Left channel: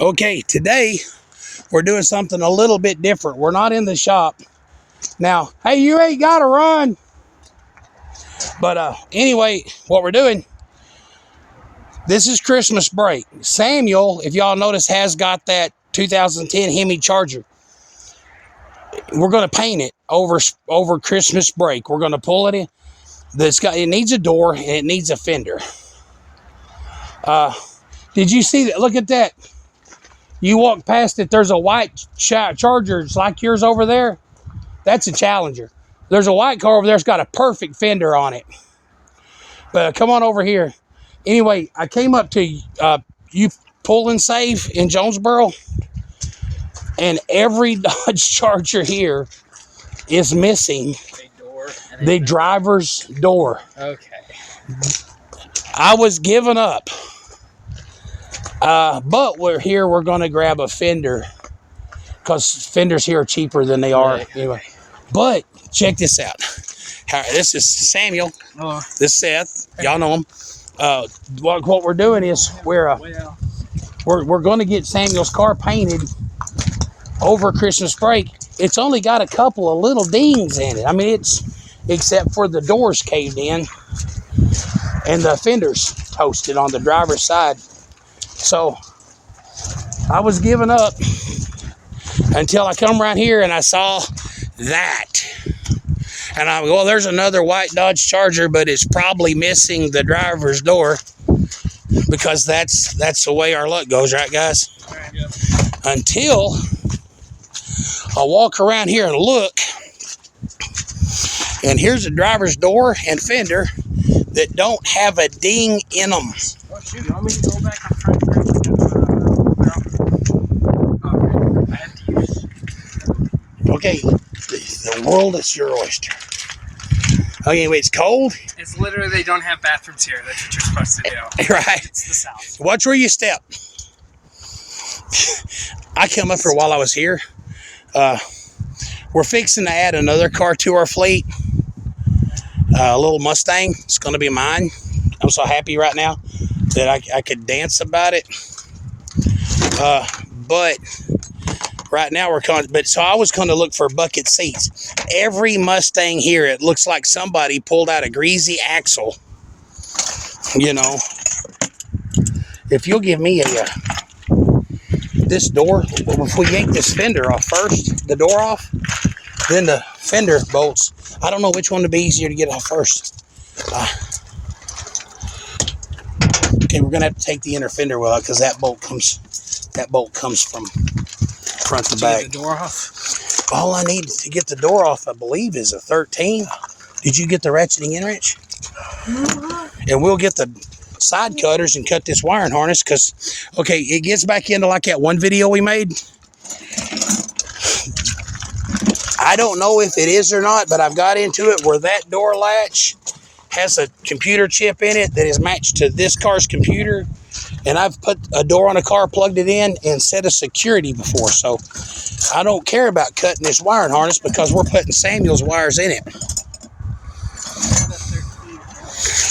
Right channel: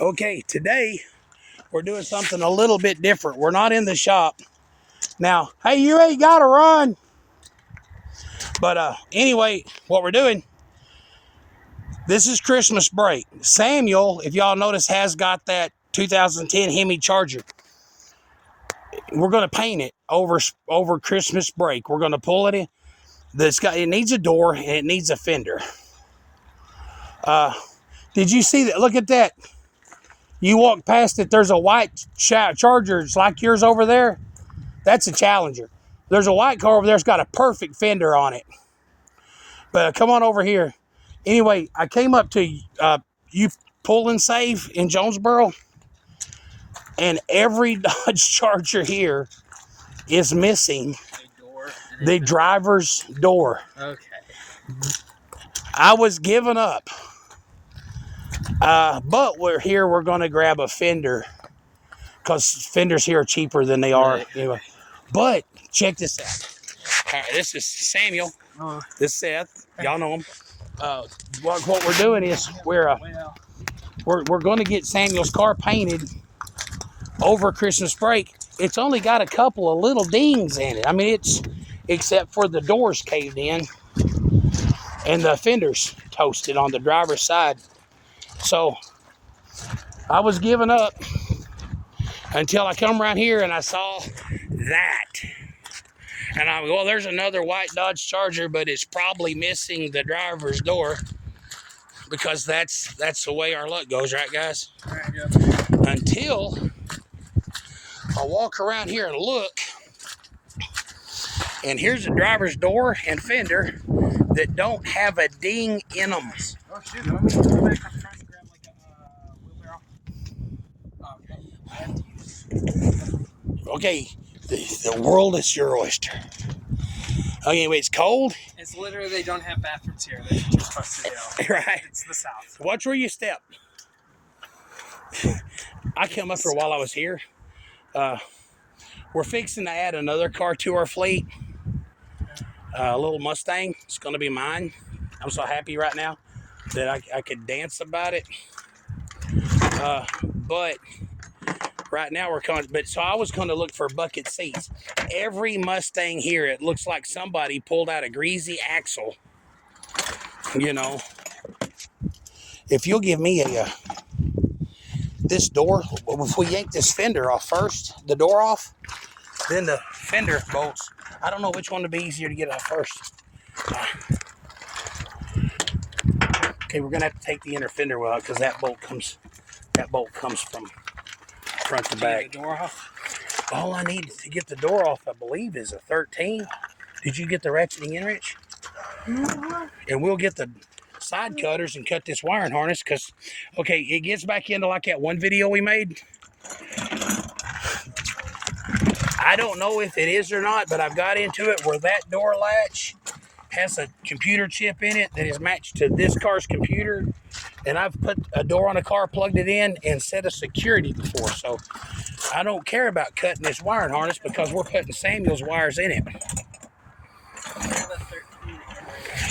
Okay, today we're doing something a little bit different. We're not in the shop. Now, hey, you ain't gotta run. But anyway, what we're doing, this is Christmas break. Samuel, if y'all notice, has got that 2010 Hemi Charger. We're gonna paint it over Christmas break. We're gonna pull it in. It needs a door and it needs a fender. Did you see that? Look at that. You walk past it, there's a white Charger. It's like yours over there. That's a Challenger. There's a white car over there that's got a perfect fender on it. But come on over here. Anyway, I came up to you pull and save in Jonesboro, and every Dodge Charger here is missing the driver's door. Okay. I was giving up. But we're going to grab a fender because fenders here are cheaper than they are anyway. But check this out. This is Samuel. Hello. This is Seth. Y'all know him. What we're doing is we're going to get Samuel's car painted over Christmas break. It's only got a couple of little dings in it. I mean, it's except for the doors caved in and the fenders toasted on the driver's side. So I was giving up until I come around here and I saw that. And I go, well, there's another white Dodge Charger, but it's probably missing the driver's door because that's the way our luck goes, right, guys? Yeah. Until I walk around here and look, and here's a driver's door and fender that don't have a ding in them. Oh, shoot. Let me go back and try to Okay, the world is your oyster. Okay, anyway, it's cold. It's literally, they don't have bathrooms here. That's what you're supposed to do. Right. It's the South. Watch where you step. I come up here while I was here. We're fixing to add another car to our fleet. A little Mustang. It's going to be mine. I'm so happy right now that I could dance about it. But right now so I was going to look for bucket seats. Every Mustang here, it looks like somebody pulled out a greasy axle. You know, if you'll give me this door, if we yank this fender off first, the door off, then the fender bolts. I don't know which one would be easier to get off first. Okay, we're gonna have to take the inner fender well because that bolt comes from front to back. Get the door off? All I need to get the door off, I believe, is a 13. Did you get the ratcheting in wrench? And we'll get the side cutters and cut this wiring harness because, okay, it gets back into like that one video we made. I don't know if it is or not, but I've got into it where that door latch has a computer chip in it that is matched to this car's computer. And I've put a door on a car, plugged it in, and set a security before. So I don't care about cutting this wiring harness because we're putting Samuel's wires in it.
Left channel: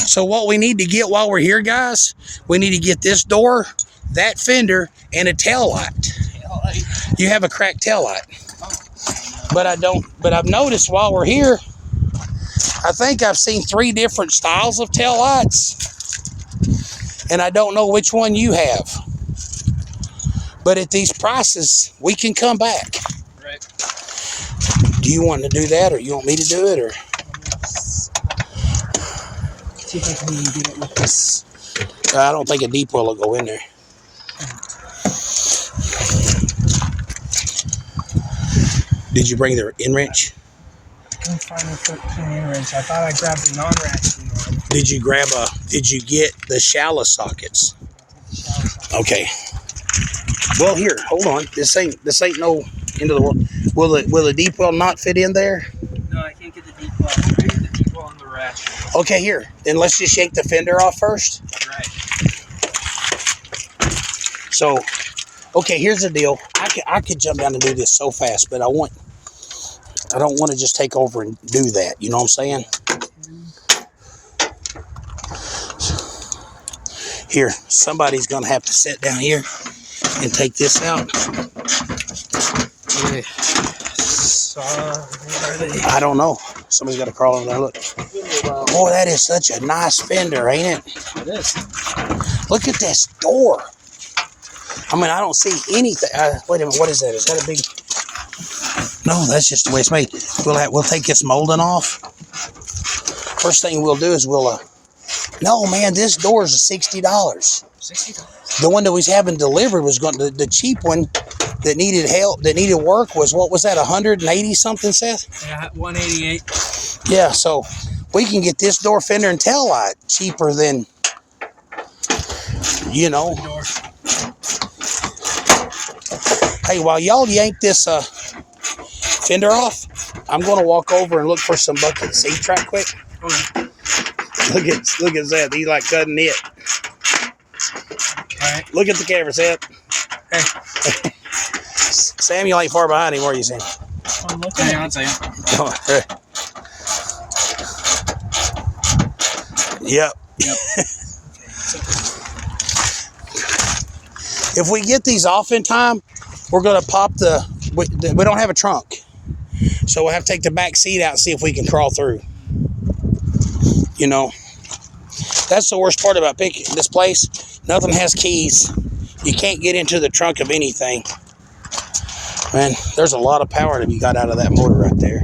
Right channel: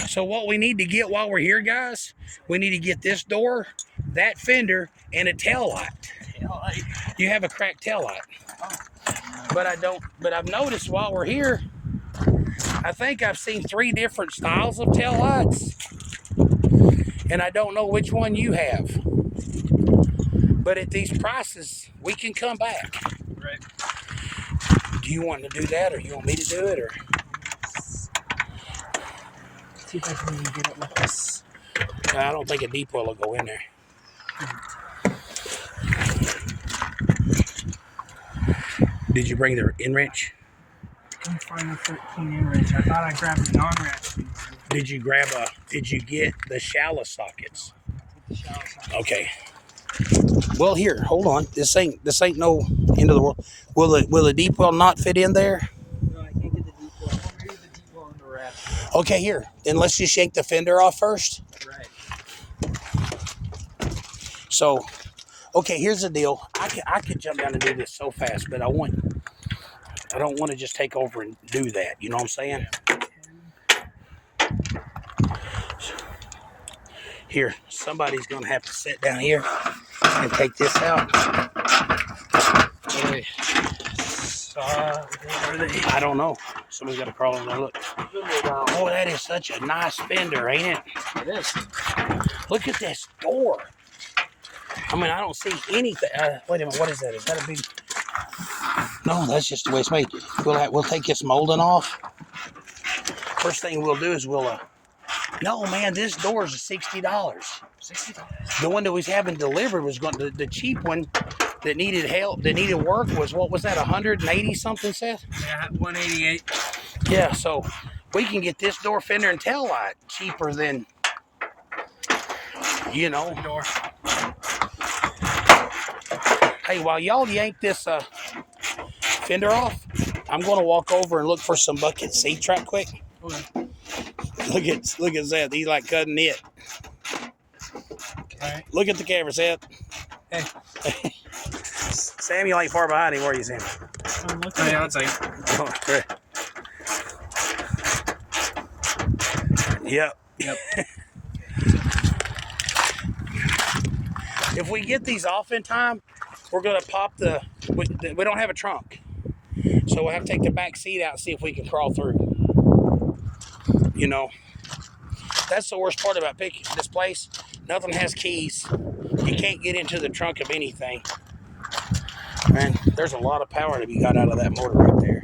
So what we need to get while we're here, guys, we need to get this door, that fender, and a tail light. You have a cracked tail light. But I've noticed while we're here, I think I've seen 3 different styles of tail lights. And I don't know which one you have. But at these prices, we can come back. Right. Do you want to do that, or you want me to do it, or? See if I can get it with this. I don't think a deep well will go in there. Did you bring the in wrench? I couldn't find a 13 in wrench. I thought I grabbed the non-ratcheting one. Did you get the shallow sockets? Okay. Well, here, hold on. This ain't no end of the world. Will the deep well not fit in there? No, I can't get the deep well. I'm gonna get the deep well on the ratchet. Okay, here. Then let's just shake the fender off first. Right. So, okay, here's the deal. I could jump down and do this so fast, but I don't want to just take over and do that. You know what I'm saying? Here, somebody's going to have to sit down here and take this out. Okay. So, where are they? I don't know. Somebody's got to crawl over there. Look. Boy, that is such a nice fender, ain't it? It is. Look at this door. I mean, I don't see anything. Wait a minute. What is that? Is that a big... No, that's just the way it's made. We'll take this molding off. First thing we'll do is we'll... No, man, this door is $60. $60. The one that we was having delivered was going... The cheap one that needed help, that needed work was, what was that, 180 something, Seth? Yeah, 188. Yeah, so we can get this door fender and tail light cheaper than, you know. Hey, while y'all yank this fender off, I'm going to walk over and look for some buckets. See, try it quick. Look at Seth. He's like cutting it. All right. Look at the camera, Seth. Hey. Samuel ain't far behind him. Where are you, Sam? I'm looking. Hang on a second. Yep. If we get these off in time, we're going to pop we don't have a trunk. So we'll have to take the back seat out and see if we can crawl through. You know, that's the worst part about picking this place. Nothing has keys. You can't get into the trunk of anything. Man, there's a lot of power to be got out of that motor right there.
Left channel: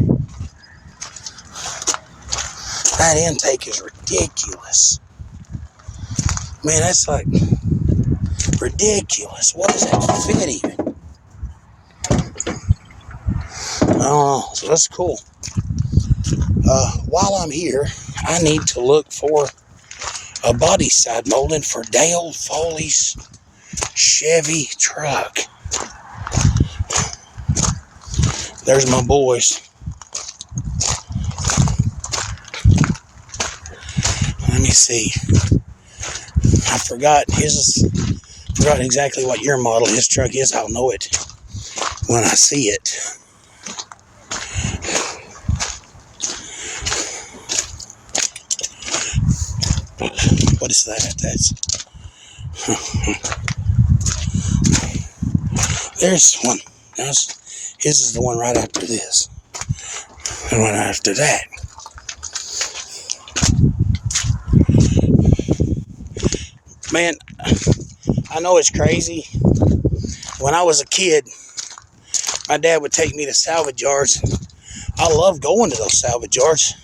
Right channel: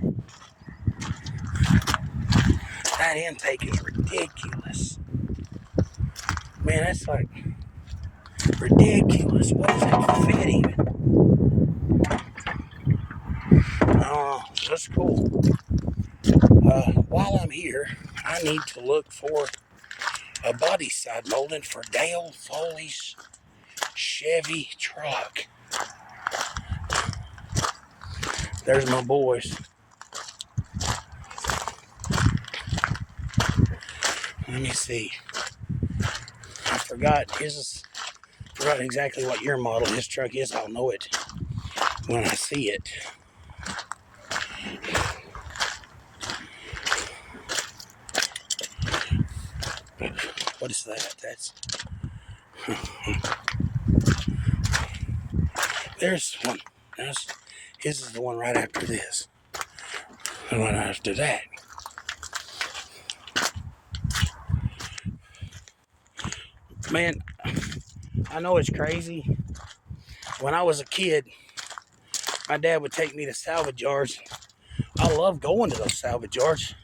That intake is ridiculous. Man, that's like ridiculous. What does that fit even? I don't know. So that's cool. While I'm here, I need to look for a body side molding for Dale Foley's Chevy truck. There's my boys. Let me see. I forgot exactly what year model his truck is. I'll know it when I see it. What is that? There's one. His is the one right after this. And one after that. Man, I know it's crazy. When I was a kid, my dad would take me to salvage yards. I love going to those salvage yards.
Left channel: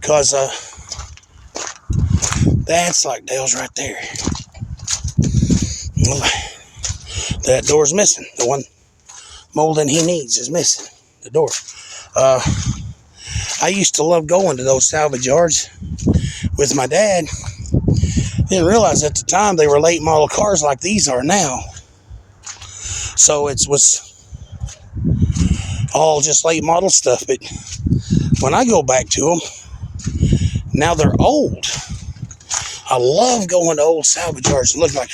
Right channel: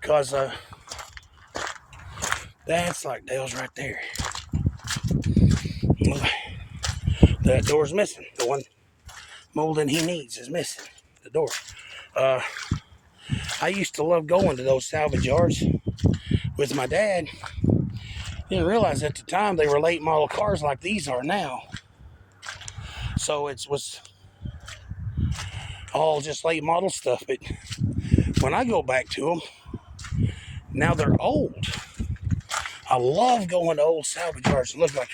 Because that's like Dale's right there. That door's missing. The one molding he needs is missing. The door. I used to love going to those salvage yards with my dad. Didn't realize at the time they were late model cars like these are now. So it was all just late model stuff. But when I go back to them, now they're old. I love going to old salvage yards and look like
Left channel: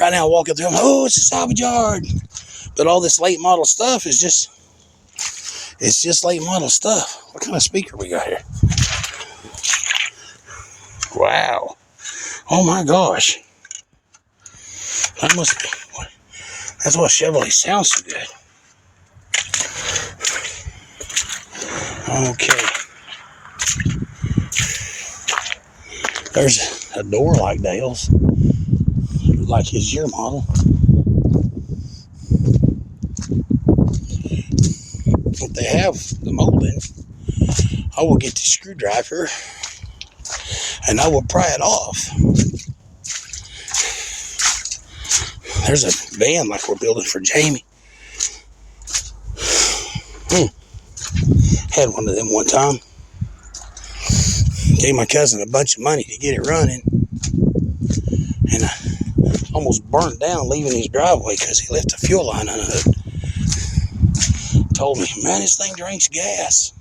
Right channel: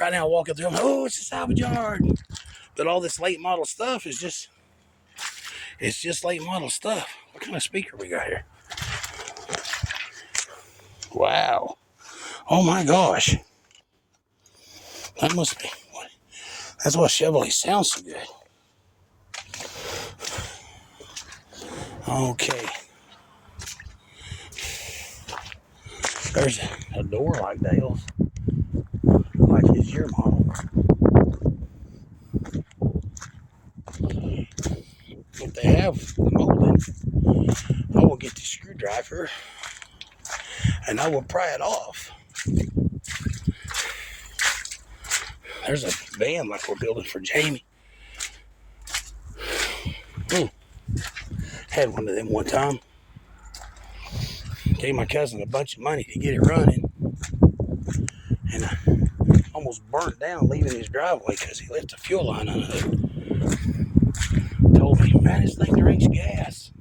right now walking through them, oh, it's a salvage yard. But all this late model stuff is just, it's just late model stuff. What kind of speaker we got here? Wow. Oh my gosh. That must be, that's why Chevrolet sounds so good. Okay. There's a door like Dale's, like his year model. If they have the molding, I will get the screwdriver and I will pry it off. There's a van like we're building for Jamie. Had one of them one time. Gave my cousin a bunch of money to get it running. And I almost burnt down leaving his driveway because he left the fuel line unhooked. Told me, man, this thing drinks gas.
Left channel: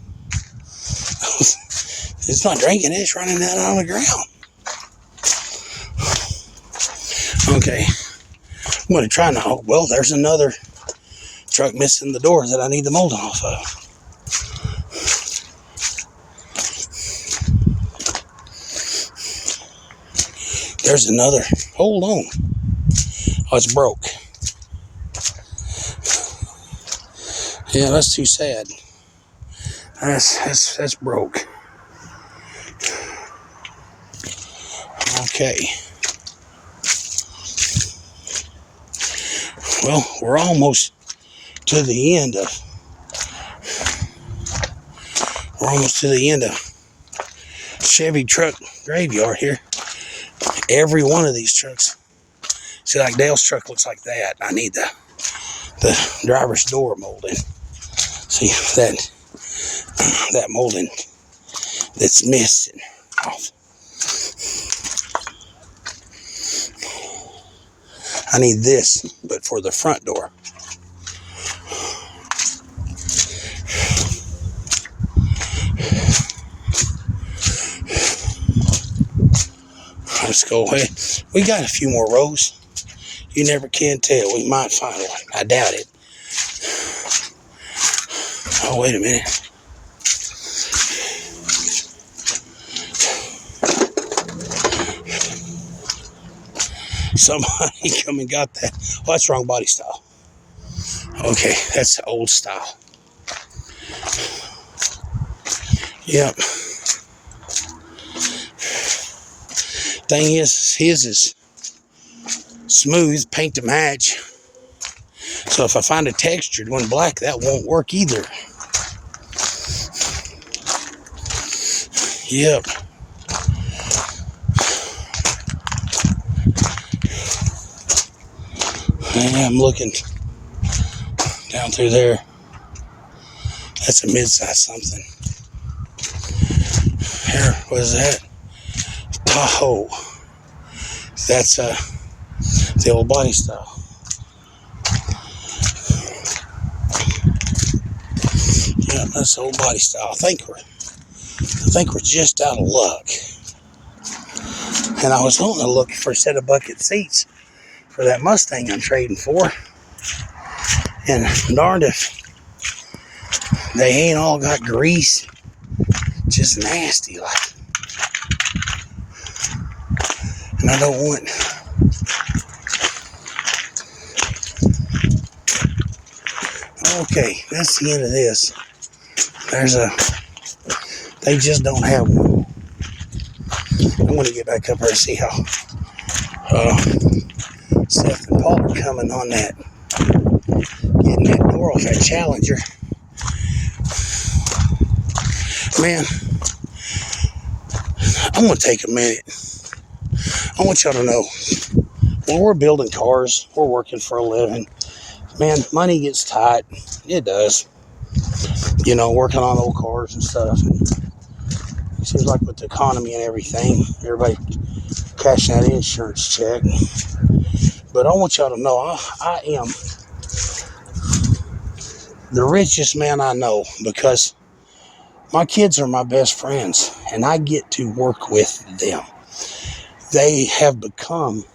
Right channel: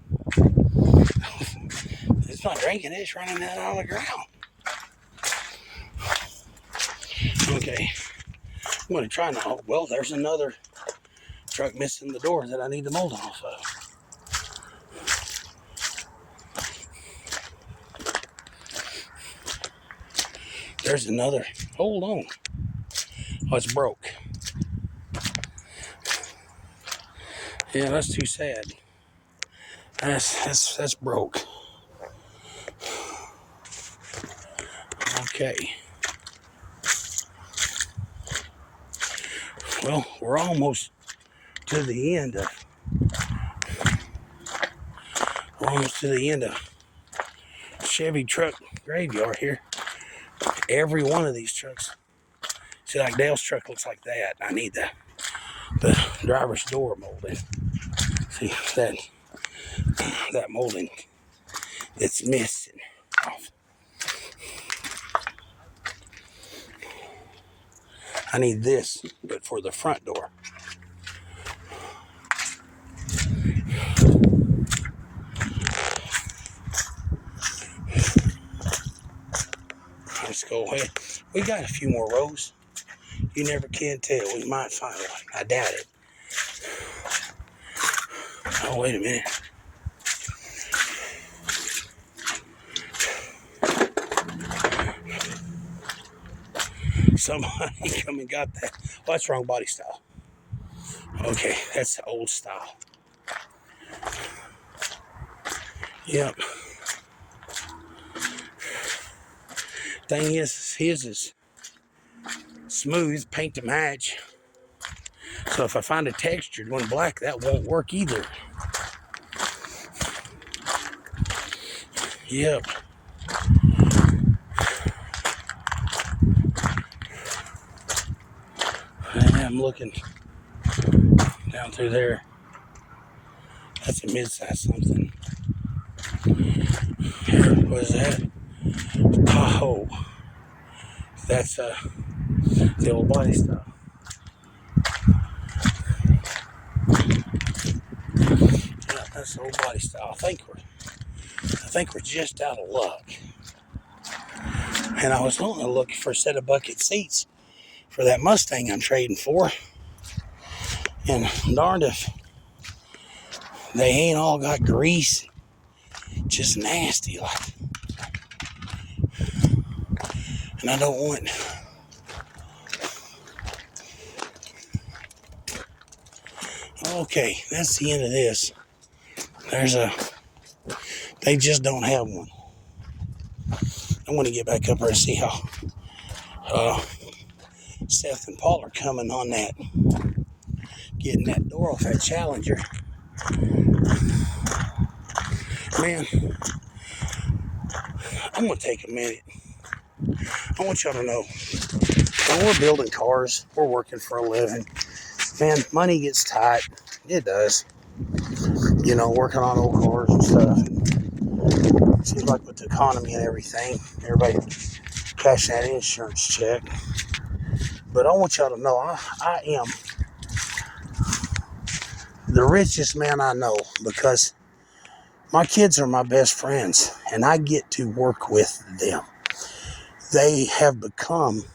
It's not drinking it, it's running down on the ground. Okay. I'm going to try now. Well, there's another truck missing the door that I need the molding off of. There's another. Hold on. Oh, it's broke. Yeah, that's too sad. That's broke. Okay. Well, we're almost to the end of. We're almost to the end of Chevy truck graveyard here. Every one of these trucks. See, like Dale's truck looks like that. I need the driver's door molding. See that molding that's missing off. I need this, but for the front door. Let's go ahead. We got a few more rows. You never can tell. We might find one. I doubt it. Oh, wait a minute. Somebody come and got that. Oh, that's wrong body style. Okay, that's old style. Yep. Thing is, his is smooth, paint to match. So if I find a textured one black, that won't work either. Yep. Yeah, I'm looking down through there. That's a mid-size something. Here, what is that? Tahoe. That's the old body style. Yeah, that's the old body style. I think we're just out of luck. And I was wanting to look for a set of bucket seats for that Mustang I'm trading for. And darned if they ain't all got grease. Just nasty like. And I don't want. Okay, that's the end of this. They just don't have one. I want to get back up there and see how Seth and Paul are coming on that. Getting that door off that Challenger. Man, I'm going to take a minute. I want y'all to know, when we're building cars, we're working for a living. Man, money gets tight. It does. You know, working on old cars and stuff. It seems like with the economy and everything, everybody cashing that insurance check. But I want y'all to know, I am the richest man I know because my kids are my best friends and I get to work with them. They have become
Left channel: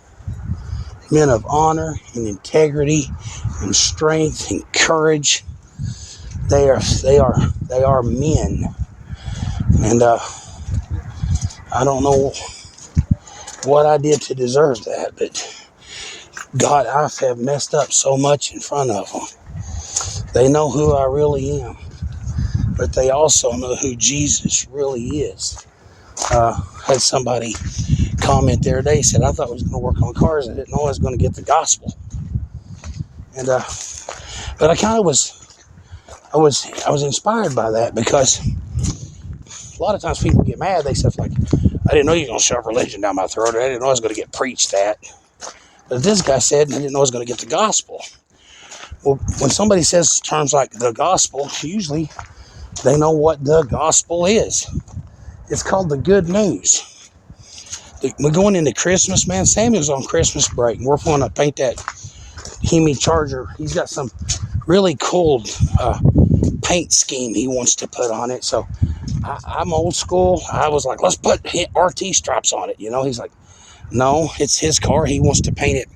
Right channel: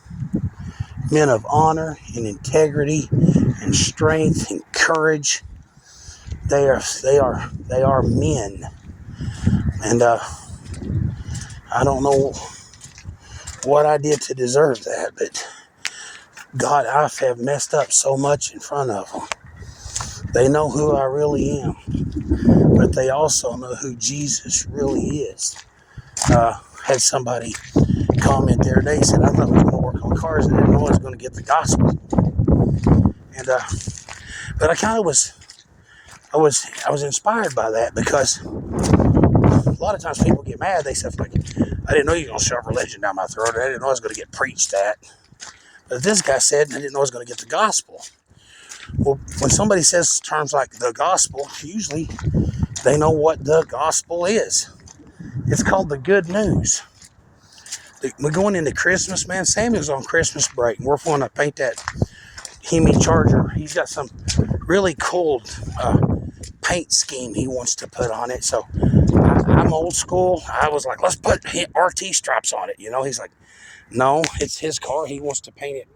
men of honor and integrity and strength and courage. They are men. And I don't know what I did to deserve that, but God, I have messed up so much in front of them. They know who I really am, but they also know who Jesus really is. Had somebody comment the other day, said, I thought I was going to work on cars and I didn't know I was going to get the gospel. And but I kind of I was inspired by that because a lot of times people get mad. They say, like, I didn't know you were going to shove religion down my throat. I didn't know I was going to get preached at. But this guy said, and I didn't know I was going to get the gospel. Well, when somebody says terms like the gospel, usually they know what the gospel is. It's called the good news. We're going into Christmas, man. Samuel's on Christmas break, and we're going to paint that hemi Charger. He's got some really cool paint scheme he wants to put on it. So I'm old school. I was like, let's put RT stripes on it. You know, he's like, no, it's his car. He wants to paint it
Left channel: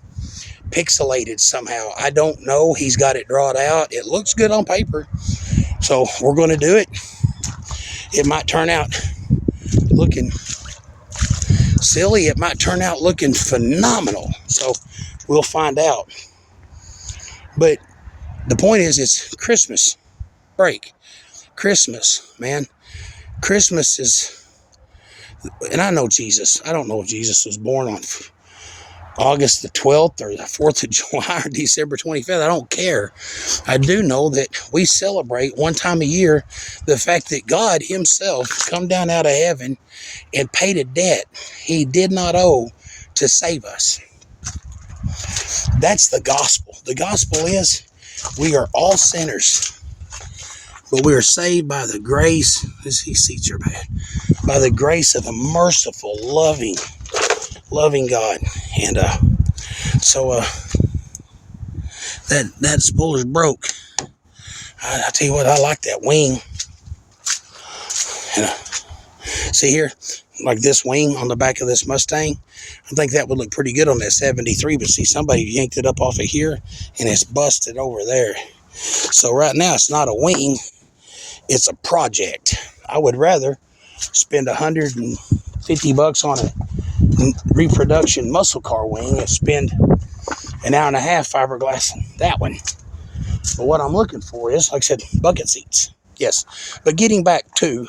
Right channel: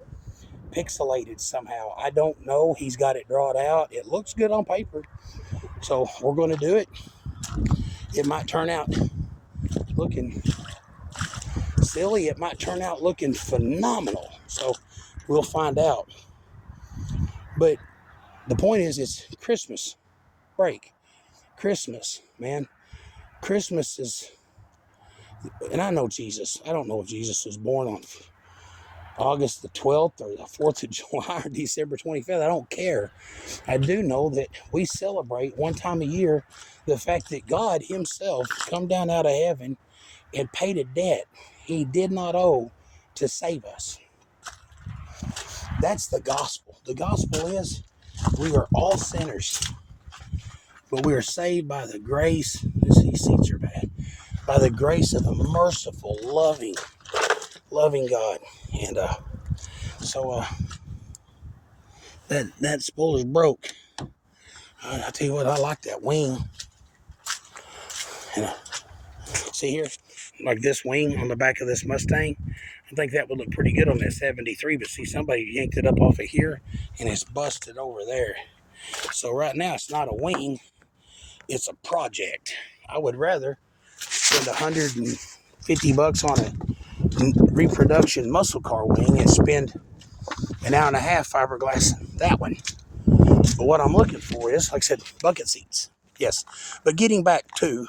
pixelated somehow. I don't know. He's got it drawn out. It looks good on paper. So we're going to do it. It might turn out looking silly. It might turn out looking phenomenal. So we'll find out. But the point is, it's Christmas. break. Christmas, man. Christmas is, and I know Jesus. I don't know if Jesus was born on August the 12th or the 4th of July or December 25th. I don't care. I do know that we celebrate one time a year the fact that God himself come down out of heaven and paid a debt he did not owe to save us. That's the gospel. The gospel is we are all sinners, but we are saved by the grace. These seats are bad. By the grace of a merciful, loving God. And so that spoiler's broke. I tell you what, I like that wing. And see here, like this wing on the back of this Mustang. I think that would look pretty good on that 73, but see, somebody yanked it up off of here and it's busted over there. So right now it's not a wing, it's a project. I would rather spend $150 on a reproduction muscle car wing and spend an hour and a half fiberglass that one. But what I'm looking for is, like I said, bucket seats. Yes. But getting back to,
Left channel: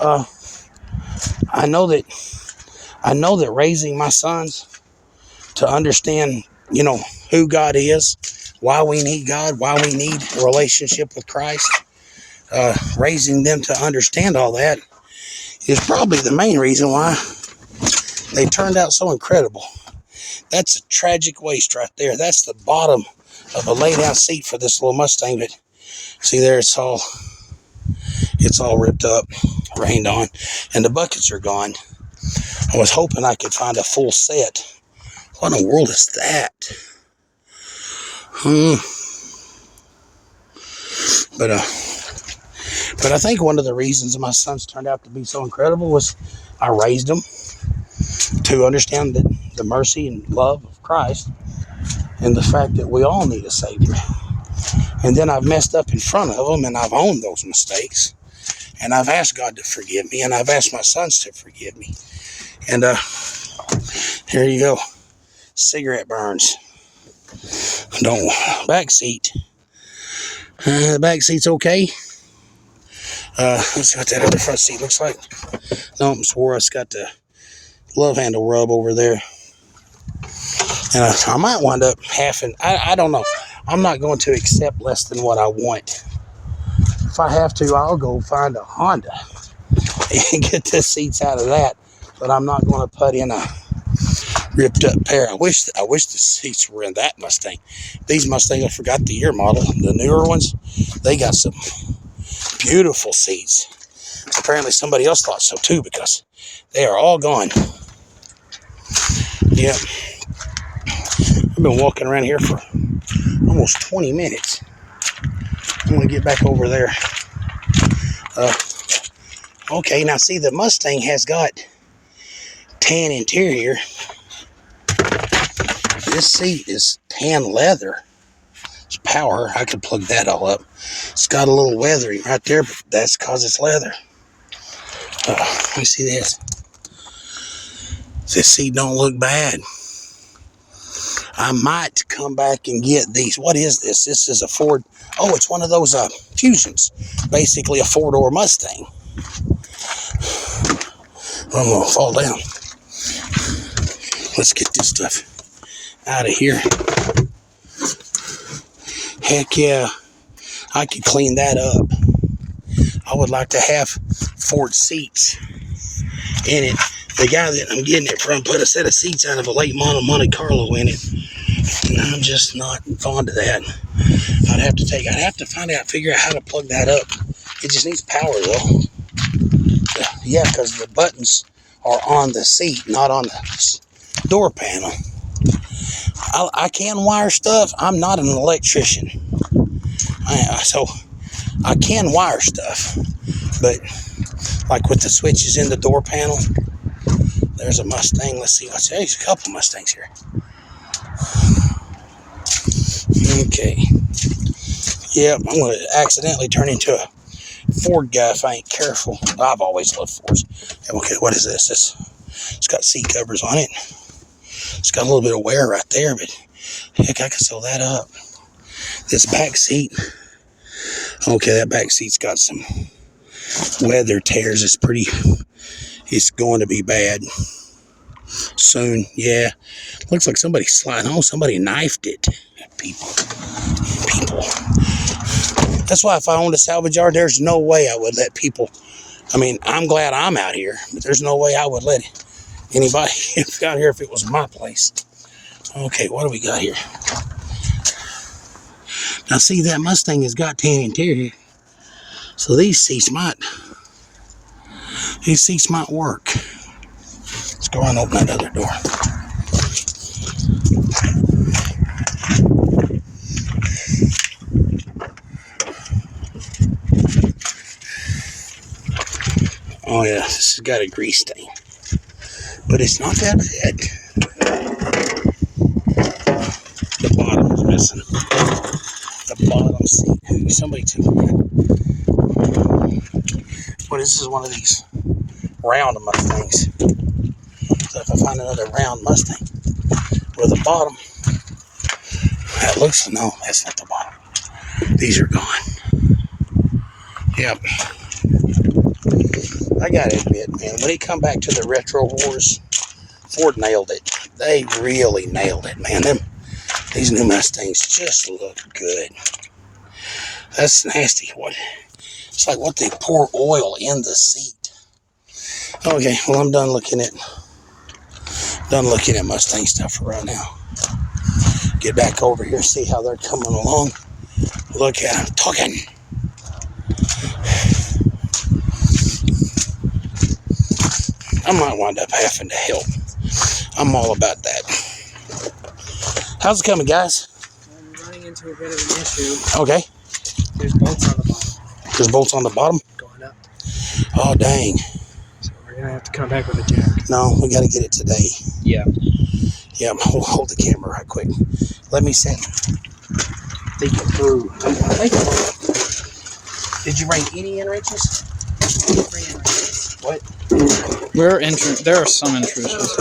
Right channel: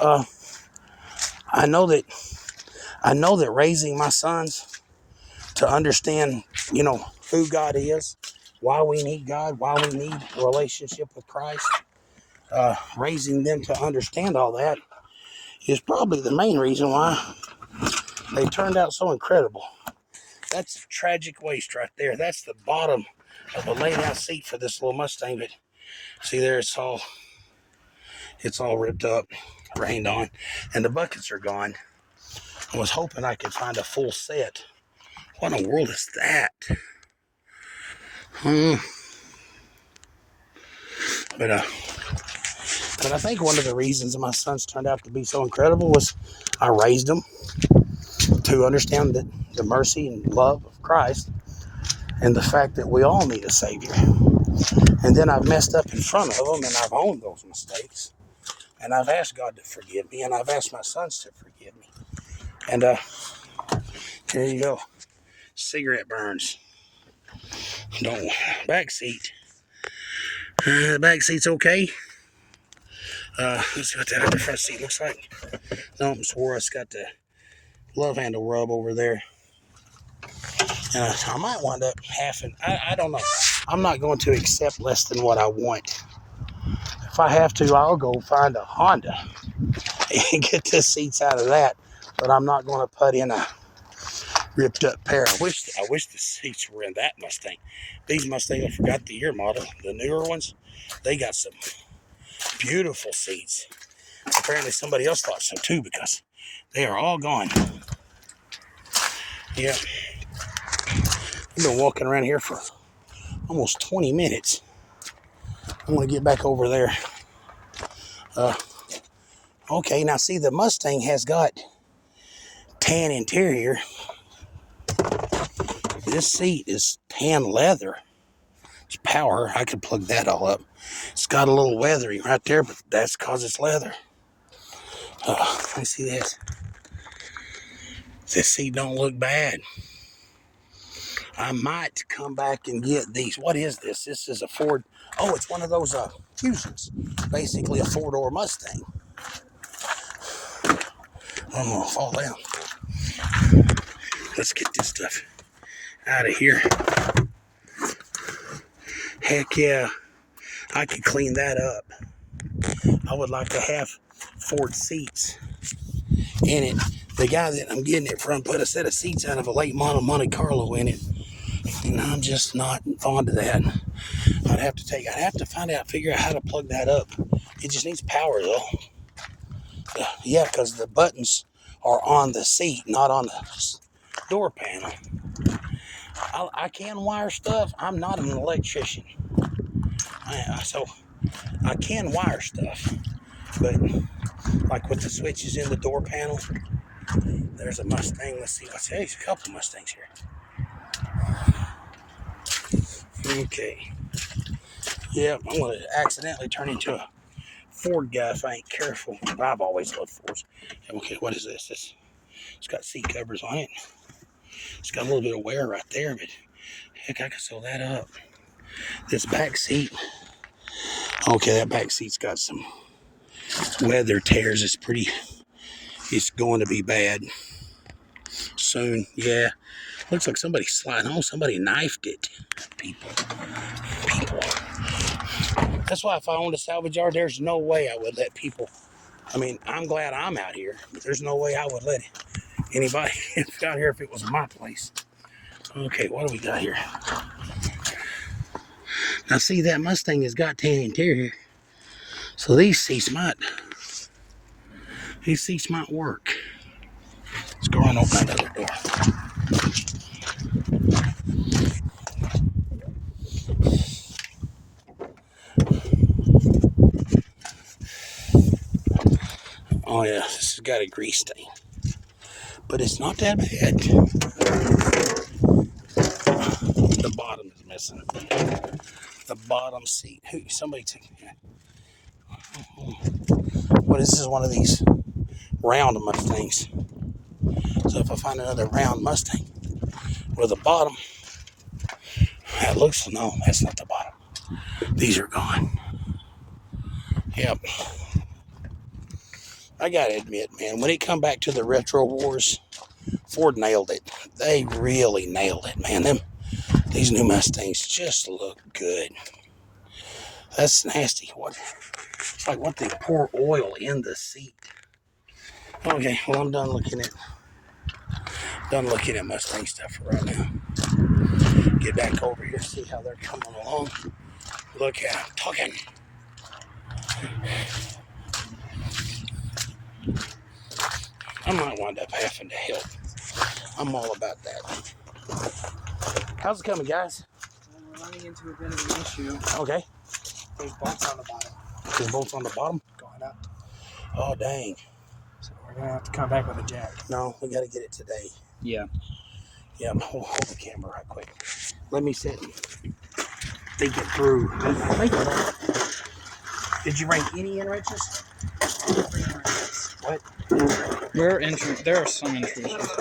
I know that raising my sons to understand, who God is, why we need God, why we need a relationship with Christ, raising them to understand all that is probably the main reason why they turned out so incredible. That's a tragic waste right there. That's the bottom of a lay-down seat for this little Mustang. But see there, it's all ripped up, rained on, and the buckets are gone. I was hoping I could find a full set. What in the world is that? But I think one of the reasons my sons turned out to be so incredible was I raised them to understand the mercy and love of Christ and the fact that we all need a Savior. And then I've messed up in front of them, and I've owned those mistakes. And I've asked God to forgive me, and I've asked my sons to forgive me. And here you go. Cigarette burns. Back seat. The back seat's okay. Let's see what that other front seat looks like. No, I swore it's got the glove handle rub over there. And I might wind up I don't know. I'm not going to accept less than what I want. If I have to, I'll go find a Honda and get the seats out of that. But I'm not going to put in a ripped up pair. I wish the seats were in that Mustang. These Mustangs, I forgot the year model. The newer ones, they got some beautiful seats. Apparently somebody else thought so too, because they are all gone. Yep. I've been walking around here for almost 20 minutes. I'm going to get back over there. Okay, now see, the Mustang has got tan interior. This seat is tan leather. It's power. I could plug that all up. It's got a little weathering right there, but that's because it's leather. Let me see this. This seat don't look bad. I might come back and get these. What is this? This is a Ford. Oh, it's one of those Fusions. Basically a four-door Mustang. I'm going to fall down. Let's get this stuff out of here. Heck yeah. I could clean that up. I would like to have Ford seats in it. The guy that I'm getting it from put a set of seats out of a late model Monte Carlo in it. And I'm just not fond of that. I'd have to figure out how to plug that up. It just needs power though. Yeah, because the buttons are on the seat, not on the door panel. I can wire stuff. I'm not an electrician. So I can wire stuff. But like with the switches in the door panel, there's a Mustang. Let's see what's there. There's a couple Mustangs here. Okay. Yep, I'm going to accidentally turn into a Ford guy if I ain't careful. I've always loved Fords. Okay, what is this? It's got seat covers on it. It's got a little bit of wear right there, but heck, I could sew that up. This back seat, Okay, that back seat's got some weather tears. It's going to be bad soon. Yeah, looks like somebody sliding. Oh, somebody knifed it. People. That's why if I owned a salvage yard, there's no way I would let people. I mean, I'm glad I'm out here, but there's no way I would let anybody out here if it was my place. Okay, what do we got here? Now, see, that Mustang has got tan interior, so these seats might work. Let's go and open that other door. Oh yeah, this has got a grease stain, but it's not that bad. The bottom is missing. The bottom seat. Hey, somebody took that. Well, this is one of these round Mustangs. So if I find another round Mustang with the bottom, that looks, no, that's not the bottom. These are gone. Yep. I gotta admit, man, when it come back to the retro wars, Ford nailed it. They really nailed it, man. These new Mustangs just look good. That's nasty. It's like what they pour oil in the seat. Okay, well, I'm done looking at Mustang stuff for right now. Get back over here, see how they're coming along. Look at them talking. I might wind up having to help. I'm all about that. How's it coming, guys? Well, we're running into a bit of an issue. Okay. There's bolts on the bottom. There's bolts on the bottom? Going up. Oh, dang. So we're going to have to come back with a jack. No, we got to get it today. Yeah. Yeah, hold the camera right quick. Let me set think it through. Did you bring any in wrenches? What? There are some intrusions.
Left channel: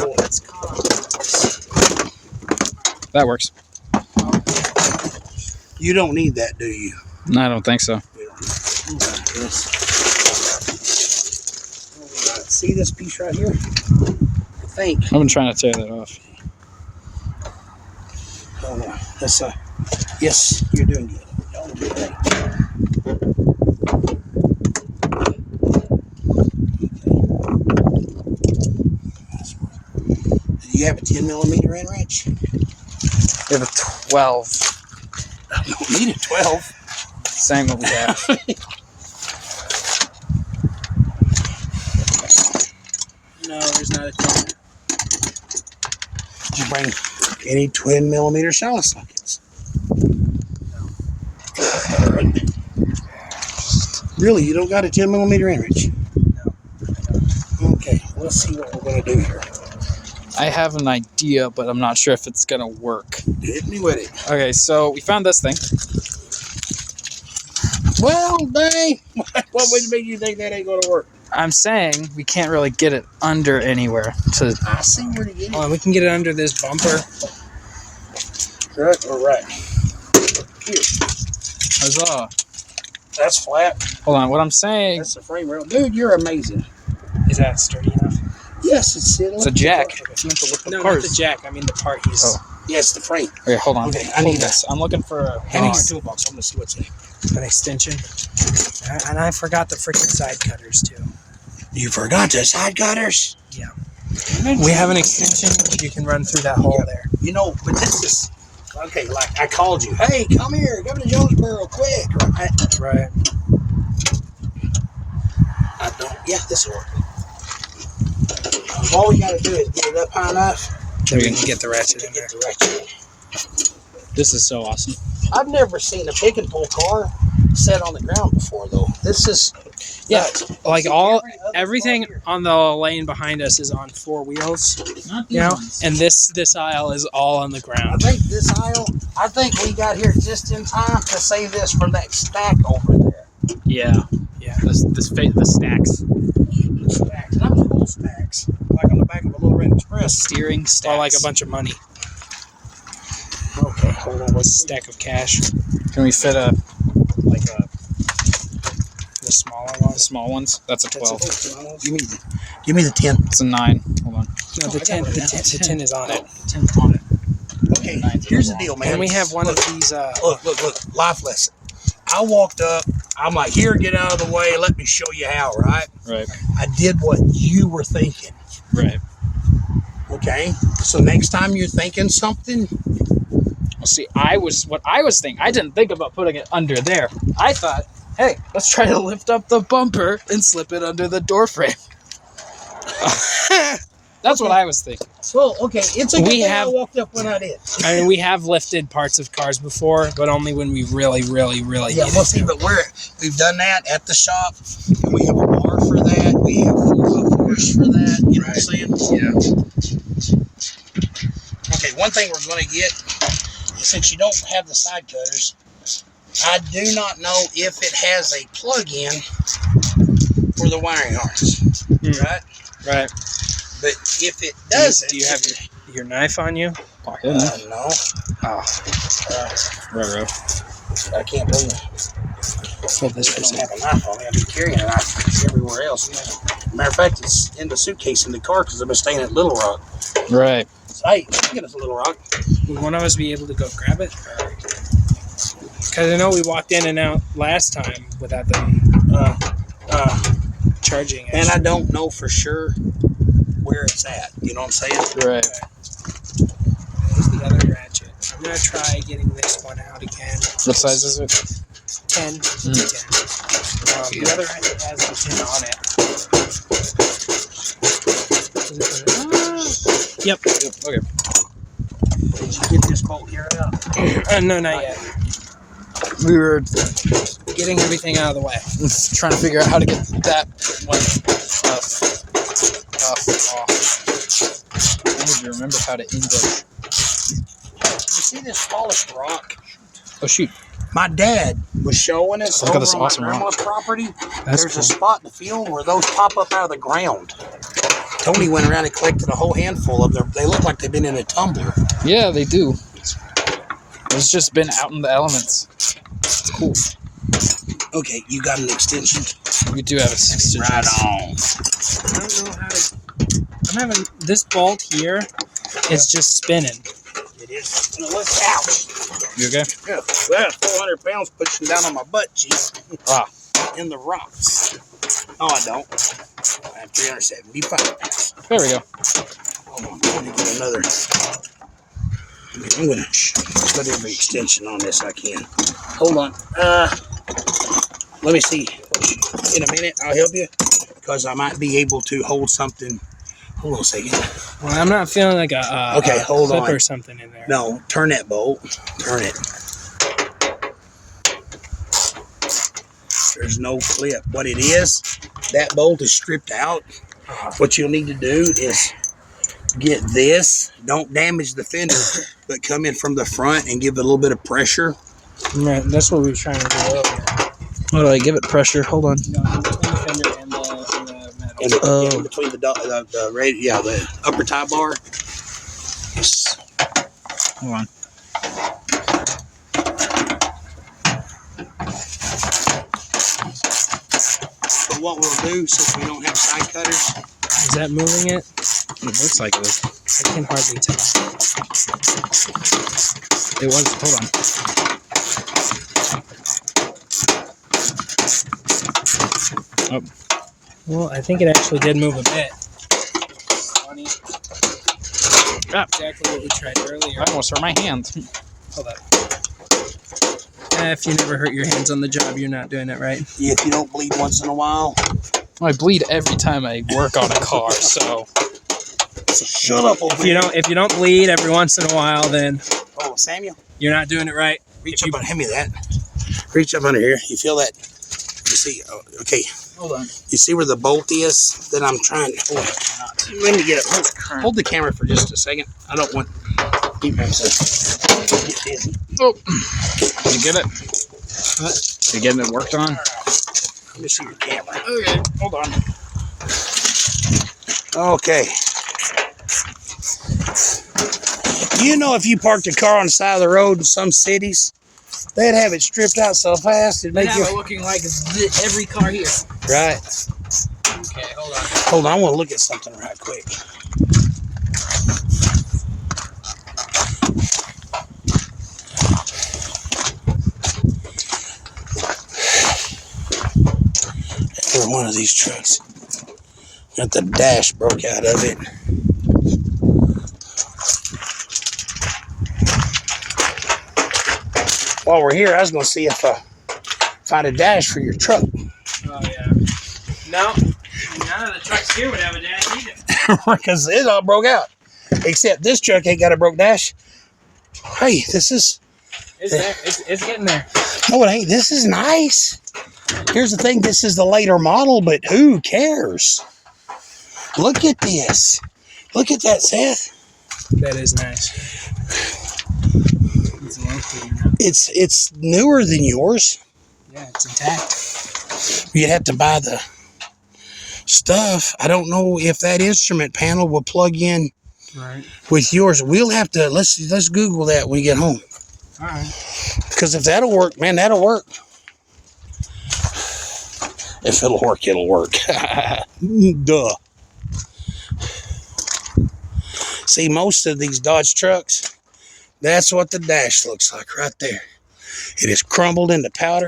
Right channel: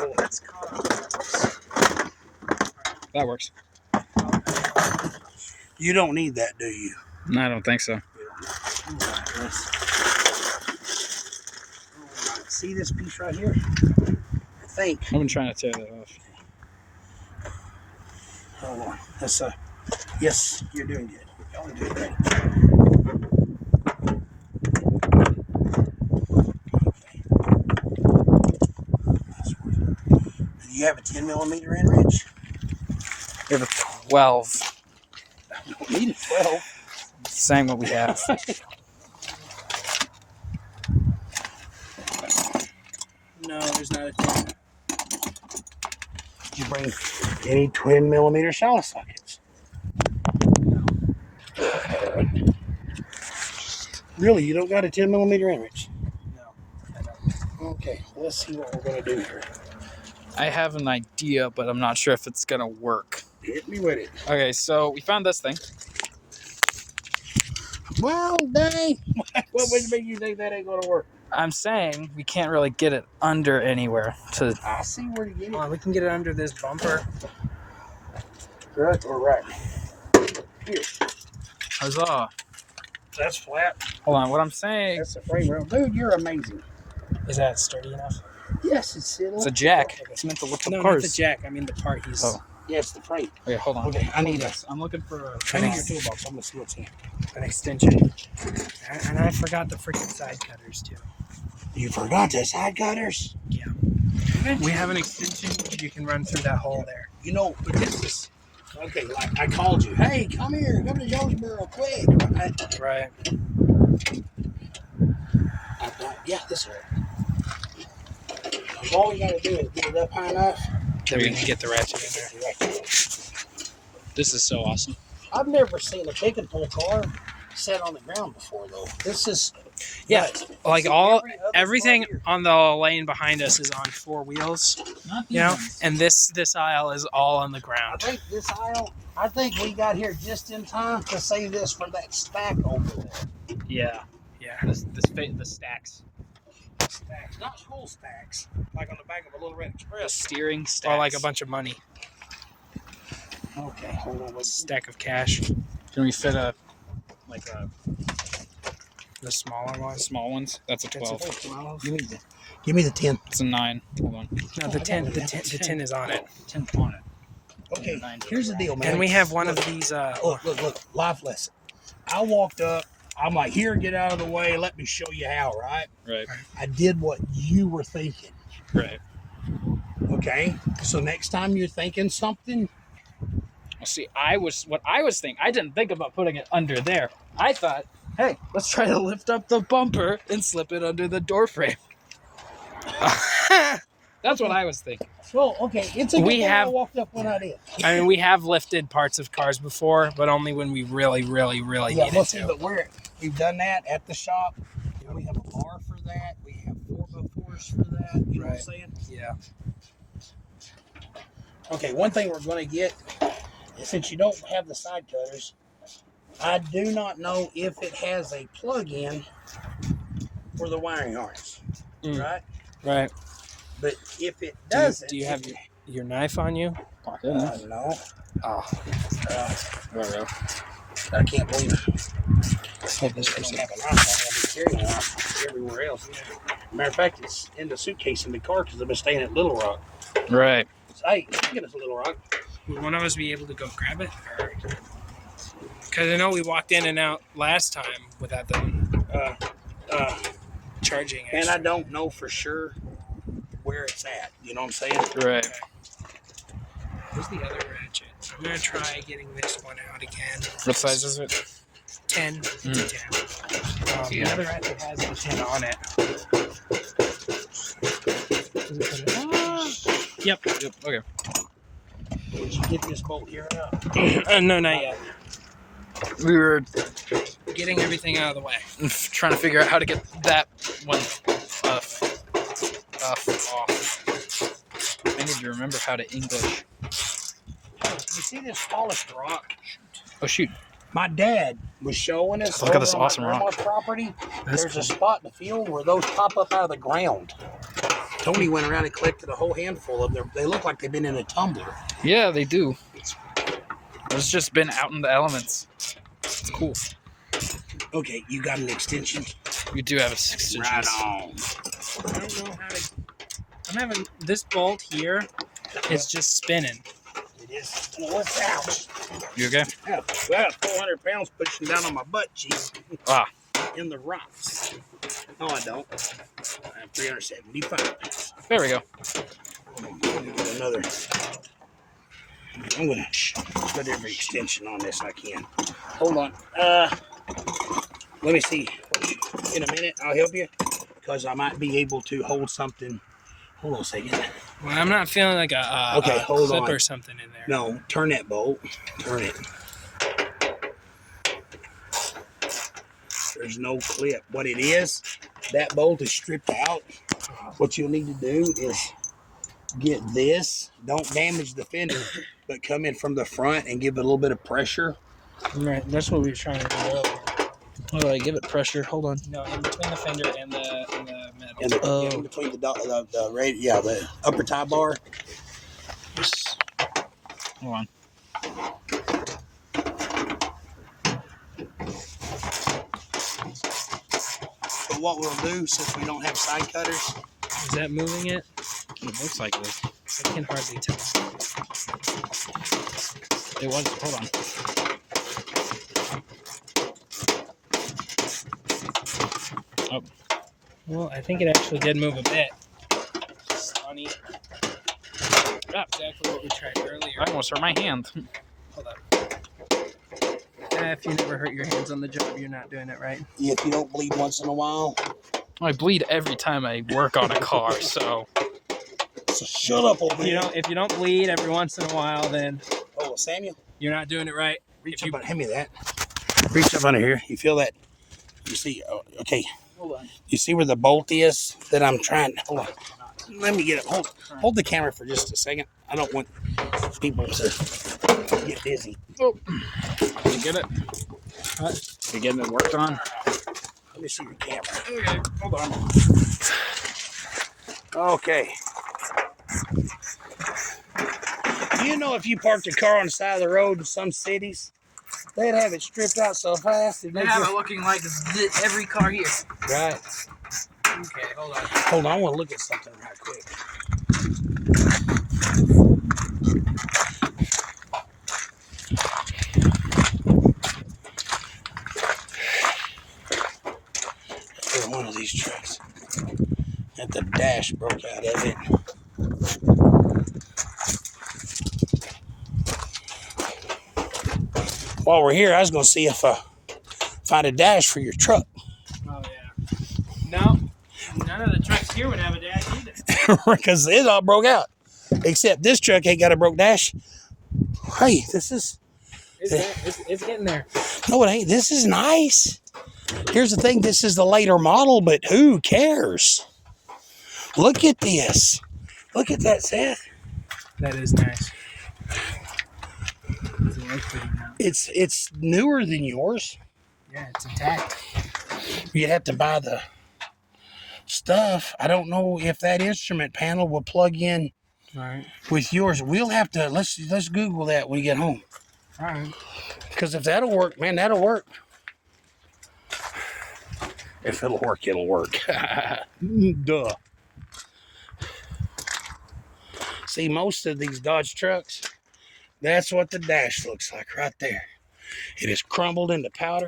That works. You don't need that, do you? No, I don't think so. See this piece right here? I think. I've been trying to tear that off. Hold on. That's yes, you're doing good. Y'all do great. Do you have a 10mm end wrench? We have a 12. I don't need a 12. Same what we have. No, there's not a 10. Did you bring any 10mm shallot sockets? No. Really, you don't got a 10mm end wrench? No, I don't. Okay, let's see what we're gonna do here. I have an idea, but I'm not sure if it's gonna work. Hit me with it. Okay, so we found this thing. Well, dang. What would make you think that ain't gonna work? I'm saying we can't really get it under anywhere. So I see where to get it. Oh, we can get it under this bumper. Right or right? Here. huzzah. That's flat. Hold on, what I'm saying, That's the frame rail. Dude, you're amazing. Is that sturdy enough? Yes, it's a jack. It's meant to lift up No, cars. not the jack. I mean the part he's... Oh. Yes, the frame. Okay, hold on. Okay, I need this. I'm looking for a... I need a toolbox. I'm gonna see what's in it. An extension. And I forgot the freaking side cutters too. You forgot the side cutters? Yeah. We have an extension you can run through that hole there. You know, but this is okay. Like I called you. Hey, come here. Come to Jonesboro, quick. Right. I don't. Yeah, this will work. All we gotta do is get it up high enough. We can get the ratchet in there. Get the ratchet. This is so awesome. I've never seen a pick and pull car set on the ground before, though. This is Yeah, nuts. like everything on the lane behind us is on 4 wheels, Not you know, and this aisle is all on the I ground. think this aisle. I think we got here just in time to save this from that stack over there. Yeah. Yeah. The stacks. Stacks. That was little stacks, like on the back of a little red The express. steering stacks. Or like a bunch of money, Okay, hold on. a stack of cash. Can we fit a the smaller The ones. small ones. That's a That's 12. a 12. Give me the 10. It's a 9. Hold on. No, the 10. The 10 is on it. 10's on it. Okay, here's the deal, man. And we have one of these. Look, life lesson. I walked up. I'm like, here, get out of the way. Let me show you how, right? Right. I did what you were thinking. Right. Okay? So next time you're thinking something, Well, see, what I was thinking. I didn't think about putting it under there. I thought, hey, let's try to lift up the bumper and slip it under the door frame. That's what I was thinking. well, okay, it's a good thing I walked up when I did. I mean, we have lifted parts of cars before, but only when we really Yeah, needed well, see, to. but we've done that at the shop, and we have a bar for that. We have full force for that. You know what I'm saying? Yeah. Okay, one thing we're going to get, since you don't have the side cutters, I do not know if it has a plug-in for the wiring harness, right? Right. But if it doesn't, Do you have your knife on you? no, Oh, Right. I can't believe it. hold this for a I don't second. have a knife on me. I've been carrying a knife everywhere else. Matter of fact, it's in the suitcase in the car because I've been staying at Little Rock. Right. Hey, speaking of Little Rock, Would one of us be able to go grab it? Because I know we walked in and out last time without them charging it. and I don't know for sure where it's at. You know what I'm saying? Right. Where's the other ratchet? I'm going to try getting this one out again. What size is it? 10. It's a 10. The other ratchet has a 10 on it. Yep. Okay. Did you get this bolt here out? No, not yet. We were Getting everything out of the way. trying to figure out how to get that one off. I need to remember how to English. You see this polished rock? Oh shoot! My dad was showing us Look at this over on awesome my grandma's property. That's There's cool. a spot in the field where those pop up out of the ground. Tony went around and collected a whole handful of them. They look like they've been in a tumbler. Yeah, they do. It's just been out in the elements. It's cool. Okay, you got an extension? We do have a 6 inches. Right on. I don't know how to. I'm having this bolt here is just spinning. It is. No, let's ouch. You okay? Yeah, 400 pounds pushing down on my butt cheeks. In the rocks. No, I don't. I have 375 pounds. There we go. Hold on, I'm gonna get another. I'm gonna put every extension on this I can. Hold on. Let me see. In a minute, I'll help you because I might be able to hold something. Hold on a second. Well, I'm not feeling like a Okay, hold clip on. or something in there. No, turn that bolt. Turn it. There's no clip. What it is, that bolt is stripped out. What you'll need to do is get this. Don't damage the fender, but come in from the front and give it a little bit of pressure. Right, that's what we were trying to do earlier. How do I give it pressure? Hold on. No, in between the fender and the metal. And in between the upper tie bar. Hold on. But what we'll do, since we don't have side cutters, Is that moving it? It looks like it is. I can hardly tell. It was. Hold on. Oh. Well, I think it actually did move a bit. Funny. Ah. Exactly what we tried earlier. I almost hurt my hand. Hold on. If you never hurt your hands on the job, you're not doing it right. if you don't bleed once in a while, I bleed every time I work on a car, so shut up, old If you don't bleed every once in a while, then Oh, Samuel, you're not doing it right. reach up and hand me that. Reach up under here. You feel that? You see? Okay. hold on. You see where the bolt is that I'm trying? Hold on. Let me get it. Hold the camera for just a second. I don't want people to get dizzy. Oh, did you get it? You getting it worked on? Let me see your camera. Okay, hold on. Okay. You know, if you parked a car on the side of the road in some cities, they'd have it stripped out so fast it'd They make have you... it looking like every car here. Right. Okay, hold on. Hold on, I want to look at something right quick. Every one of these trucks got the dash broke out of it. While we're here, I was going to see if I find a dash for your truck. Oh, yeah. No. None of the trucks here would have a dash either. Because it all broke out. Except this truck ain't got a broke dash. Hey, this is... It's getting there. No, it ain't. This is nice. Here's the thing. This is the later model, but who cares? Look at this. Look at that, Seth. That is nice. It's a lot cleaner now. It's newer than yours. Yeah, it's intact. You have to buy the stuff. I don't know if that instrument panel will plug in All right. with yours. We'll have to let's Google that when we get home. All right. Because if that'll work, man, that'll work. If it'll work, it'll work. Duh. See, most of these Dodge trucks, that's what the dash looks like right there. It is crumbled into powder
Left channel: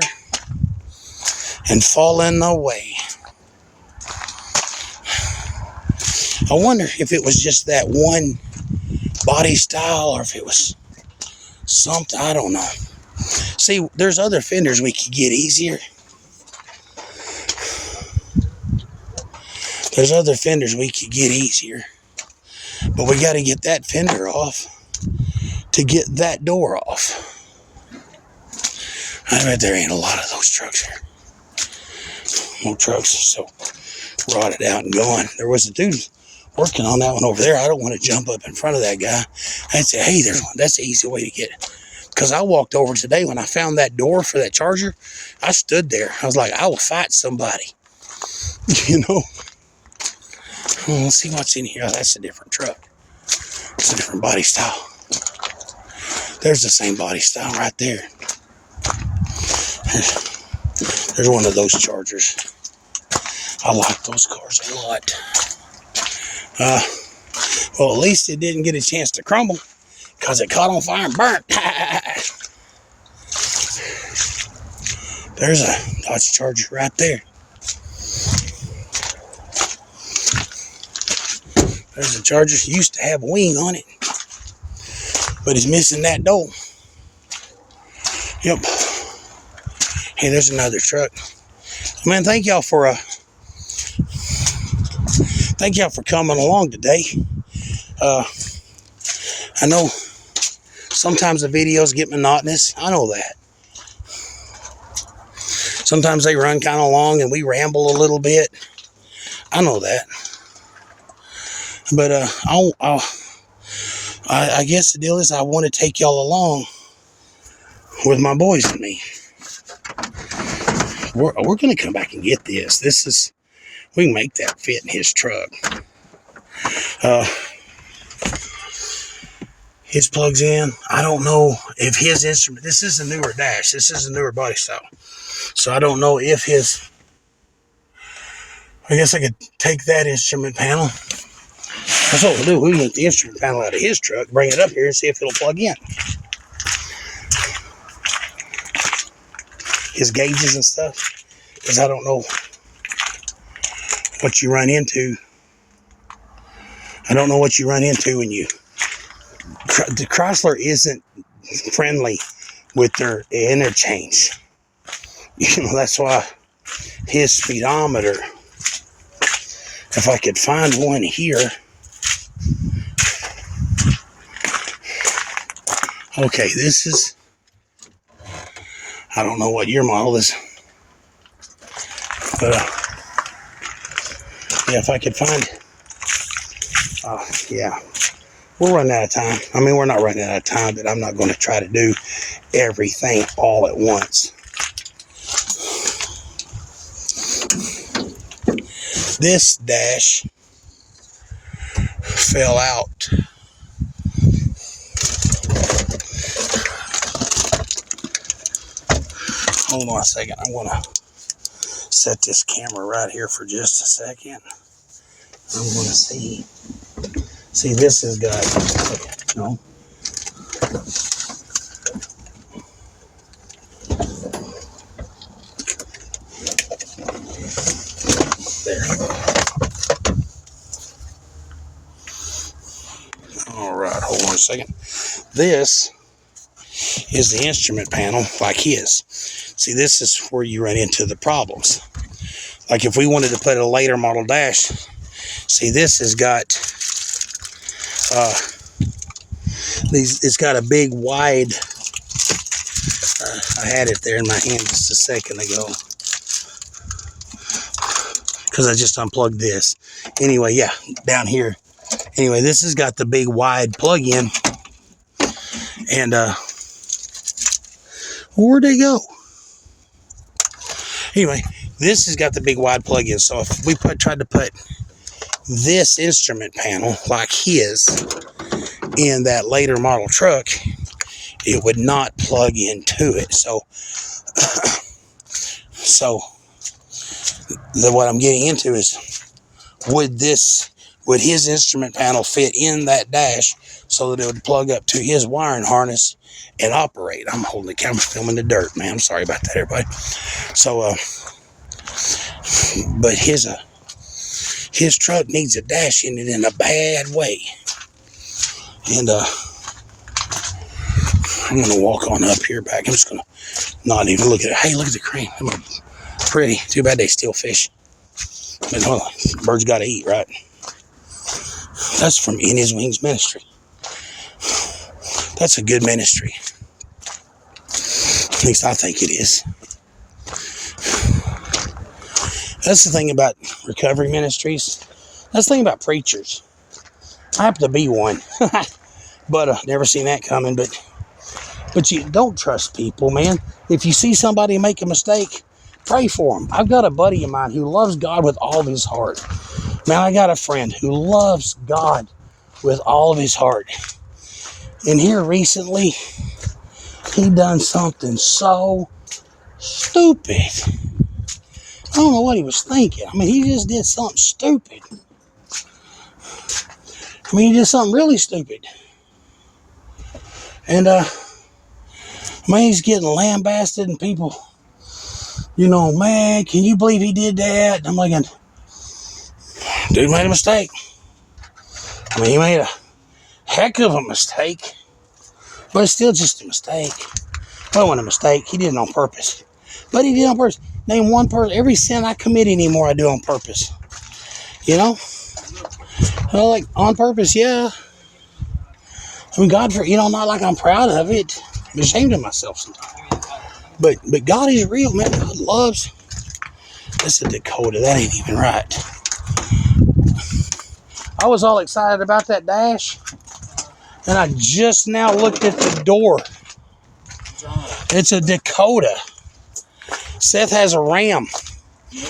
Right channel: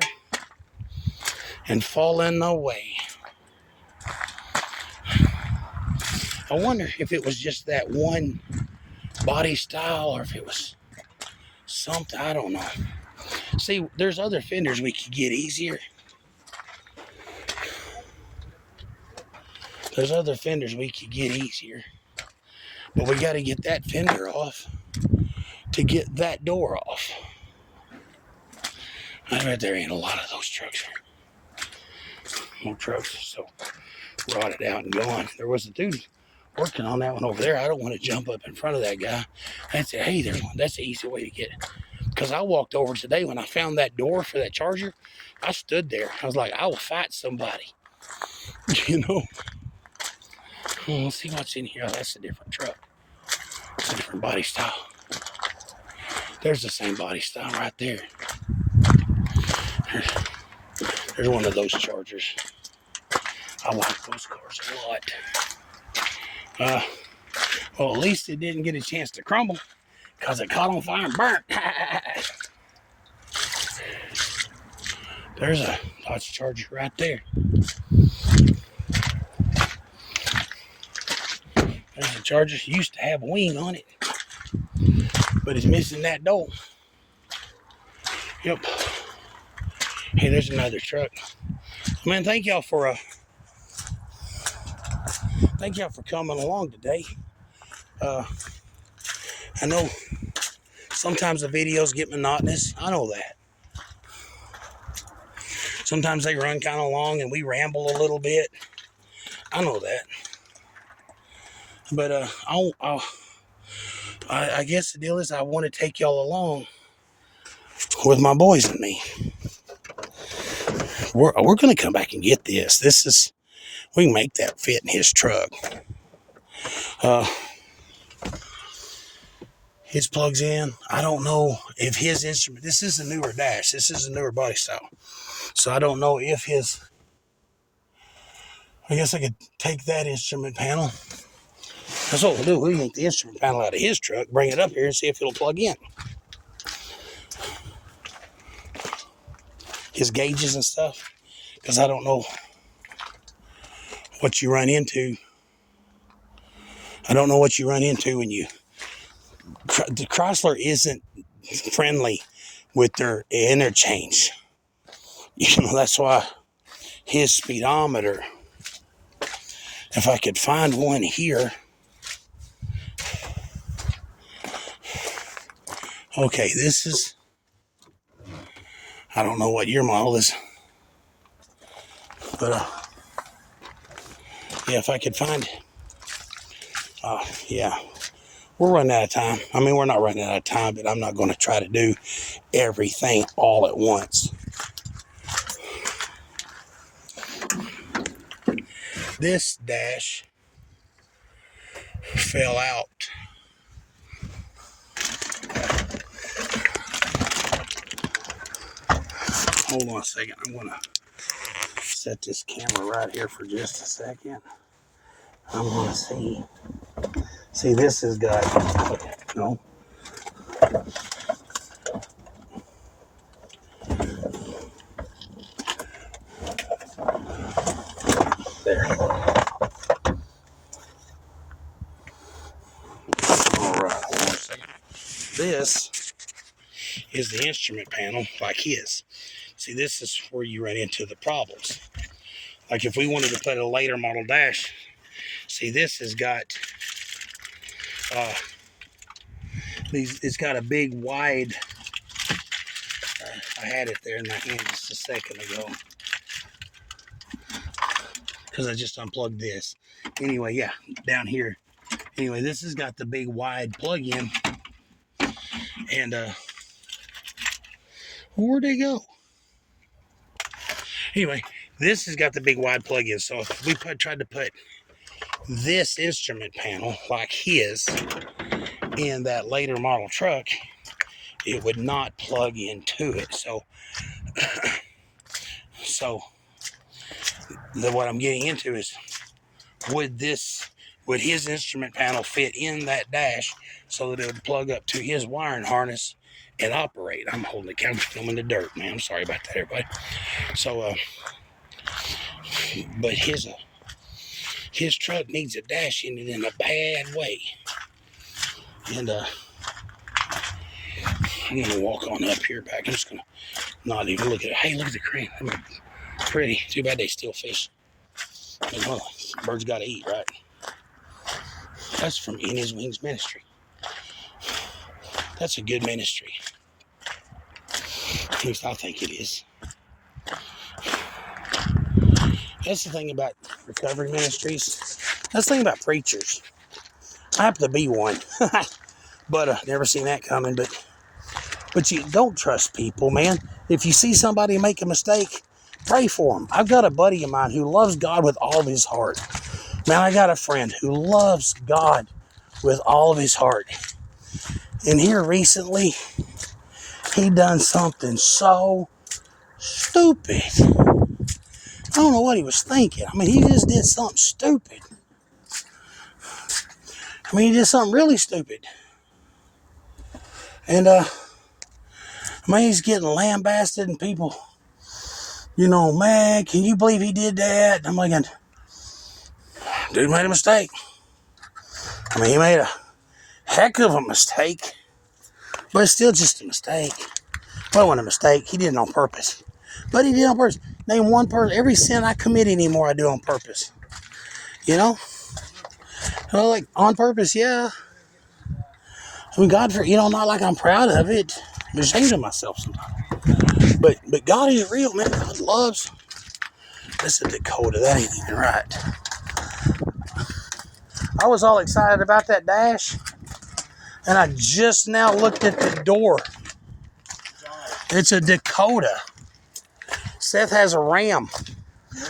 and fallen away. I wonder if it was just that one body style or if it was something, I don't know. See, there's other fenders we could get easier. There's other fenders we could get easier. But we got to get that fender off to get that door off. I bet there ain't a lot of those trucks here. No trucks, so rotted out and gone. There was a dude working on that one over there. I don't want to jump up in front of that guy and say, hey, there's one. That's the easy way to get it. Because I walked over today when I found that door for that Charger. I stood there. I was like, I will fight somebody. You know? Let's see what's in here. Oh, that's a different truck. It's a different body style. There's the same body style right there. There's one of those Chargers. I like those cars a lot. Well, at least it didn't get a chance to crumble because it caught on fire and burnt. There's a Dodge Charger right there. There's a Charger. It used to have a wing on it, but it's missing that door. Yep. Hey, there's another truck. Man, thank y'all for coming along today. I know sometimes the videos get monotonous. I know that. Sometimes they run kind of long and we ramble a little bit. I know that. But I guess the deal is I want to take y'all along with my boys and me. We're going to come back and get this. We can make that fit in his truck. His plugs in. I don't know if his instrument, this is a newer dash. This is a newer body style. So I don't know if I guess I could take that instrument panel. That's what we'll do. We can get the instrument panel out of his truck, bring it up here and see if it'll plug in. His gauges and stuff. Because I don't know what you run into. I don't know what you run into when you... The Chrysler isn't friendly with their interchange. You know, that's why his speedometer, if I could find one here. Okay, this is, I don't know what your model is, but yeah, if I could find it. Yeah, we're running out of time. I mean, we're not running out of time, but I'm not going to try to do everything all at once. This dash fell out. hold on a second. I want to set this camera right here for just a second. I'm going to see. See, this has got, no. There. All right, hold on a second. This is the instrument panel like his. See, this is where you run into the problems. Like if we wanted to put a later model dash, see, this has got it's got a big wide, I had it there in my hand just a second ago because I just unplugged this. Anyway, yeah, down here. Anyway, this has got the big wide plug-in, and where'd they go? Anyway, this has got the big wide plug-in, so if we tried to put this instrument panel like his in that later model truck, it would not plug into it. So what I'm getting into is, would his instrument panel fit in that dash so that it would plug up to his wiring harness and operate? I'm holding the camera, filming the dirt, man. I'm sorry about that, everybody. So, but his truck needs a dash in it in a bad way. And I'm gonna walk on up here back. I'm just gonna not even look at it. Hey, look at the crane. Pretty. Too bad they steal fish. But, well, birds gotta eat, right? That's from In His Wings Ministry. That's a good ministry. At least I think it is. That's the thing about recovery ministries. That's the thing about preachers. I happen to be one. But never seen that coming. But you don't trust people, man. If you see somebody make a mistake, pray for them. I've got a buddy of mine who loves God with all of his heart. Man, I got a friend who loves God with all of his heart. And here recently, he done something so stupid. I don't know what he was thinking. I mean, he just did something stupid. I mean, he did something really stupid. And, I mean, he's getting lambasted and people, you know, man, can you believe he did that? And I'm like, dude made a mistake. I mean, he made a heck of a mistake. But it's still just a mistake. Well, it wasn't a mistake. He did it on purpose. But he did it on purpose. Name one person. Every sin I commit anymore, I do on purpose. You know? Like, on purpose, yeah. I mean, God, not like I'm proud of it. I'm ashamed of myself sometimes. But God is real, man. God loves. That's a Dakota. That ain't even right. I was all excited about that dash. And I just now looked at the door. It's a Dakota. Seth has a Ram.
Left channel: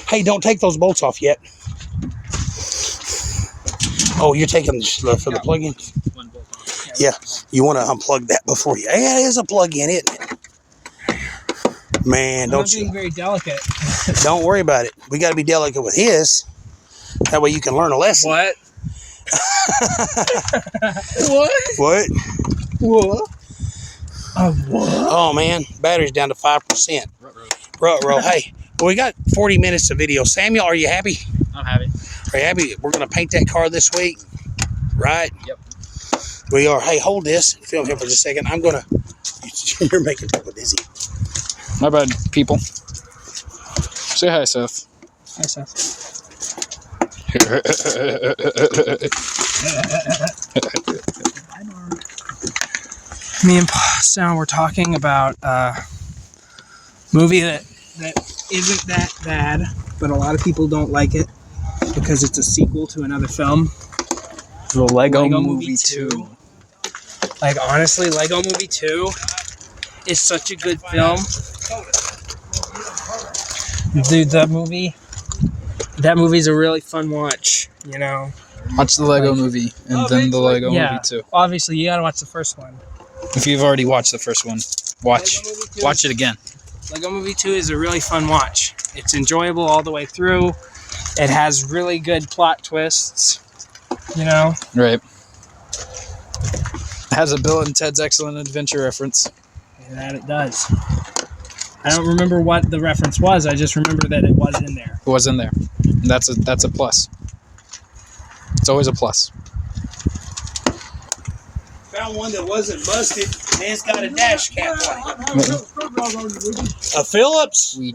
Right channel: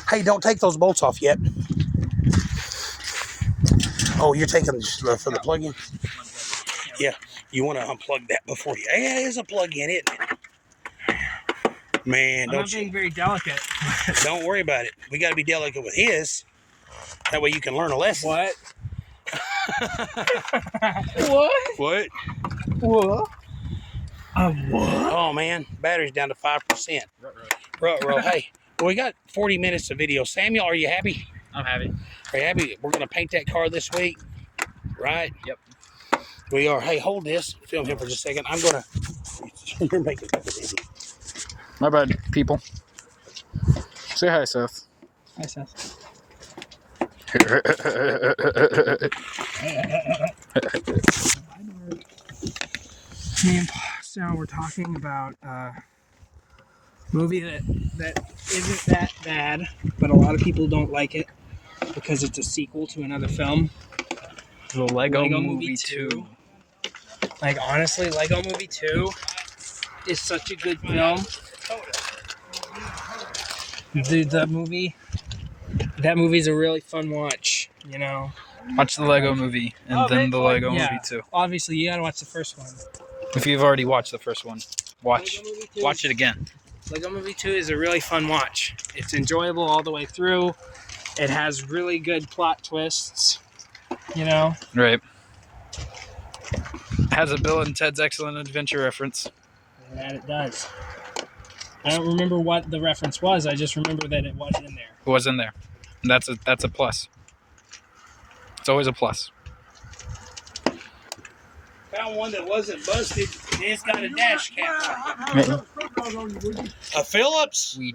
Hey, don't take those bolts off yet. Oh, you're taking for the plug-in? Yeah, you want to unplug that before you... Yeah, it is a plug-in, isn't it? Man, don't you... I'm not being very delicate. Don't worry about it. We got to be delicate with his. That way you can learn a lesson. What? What? What? What? What? Oh, man. Battery's down to 5%. Ruh-roh. Hey, well, we got 40 minutes of video. Samuel, are you happy? I'm happy. Are you happy? We're going to paint that car this week, right? Yep. We are. Hey, hold this. Film here for just a second. I'm going to... You're making me dizzy. My bad, people. Say hi, Seth. Hi, Seth. Me and Sal were talking about a movie that isn't that bad, but a lot of people don't like it because it's a sequel to another film. The Lego Movie 2. Like, honestly, Lego Movie 2 is such a good film. Dude, that movie's a really fun watch, you know. Watch the Lego movie and then the Lego movie 2. Obviously, you gotta watch the first one. If you've already watched the first one, watch it again. Lego Movie 2 is a really fun watch. It's enjoyable all the way through. It has really good plot twists, you know? Right. It has a Bill and Ted's Excellent Adventure reference. And that it does. I don't remember what the reference was. I just remember that it was in there. It was in there. And that's a plus. It's always a plus. Found one that wasn't busted, and it's got a dash cap on it. A Phillips? We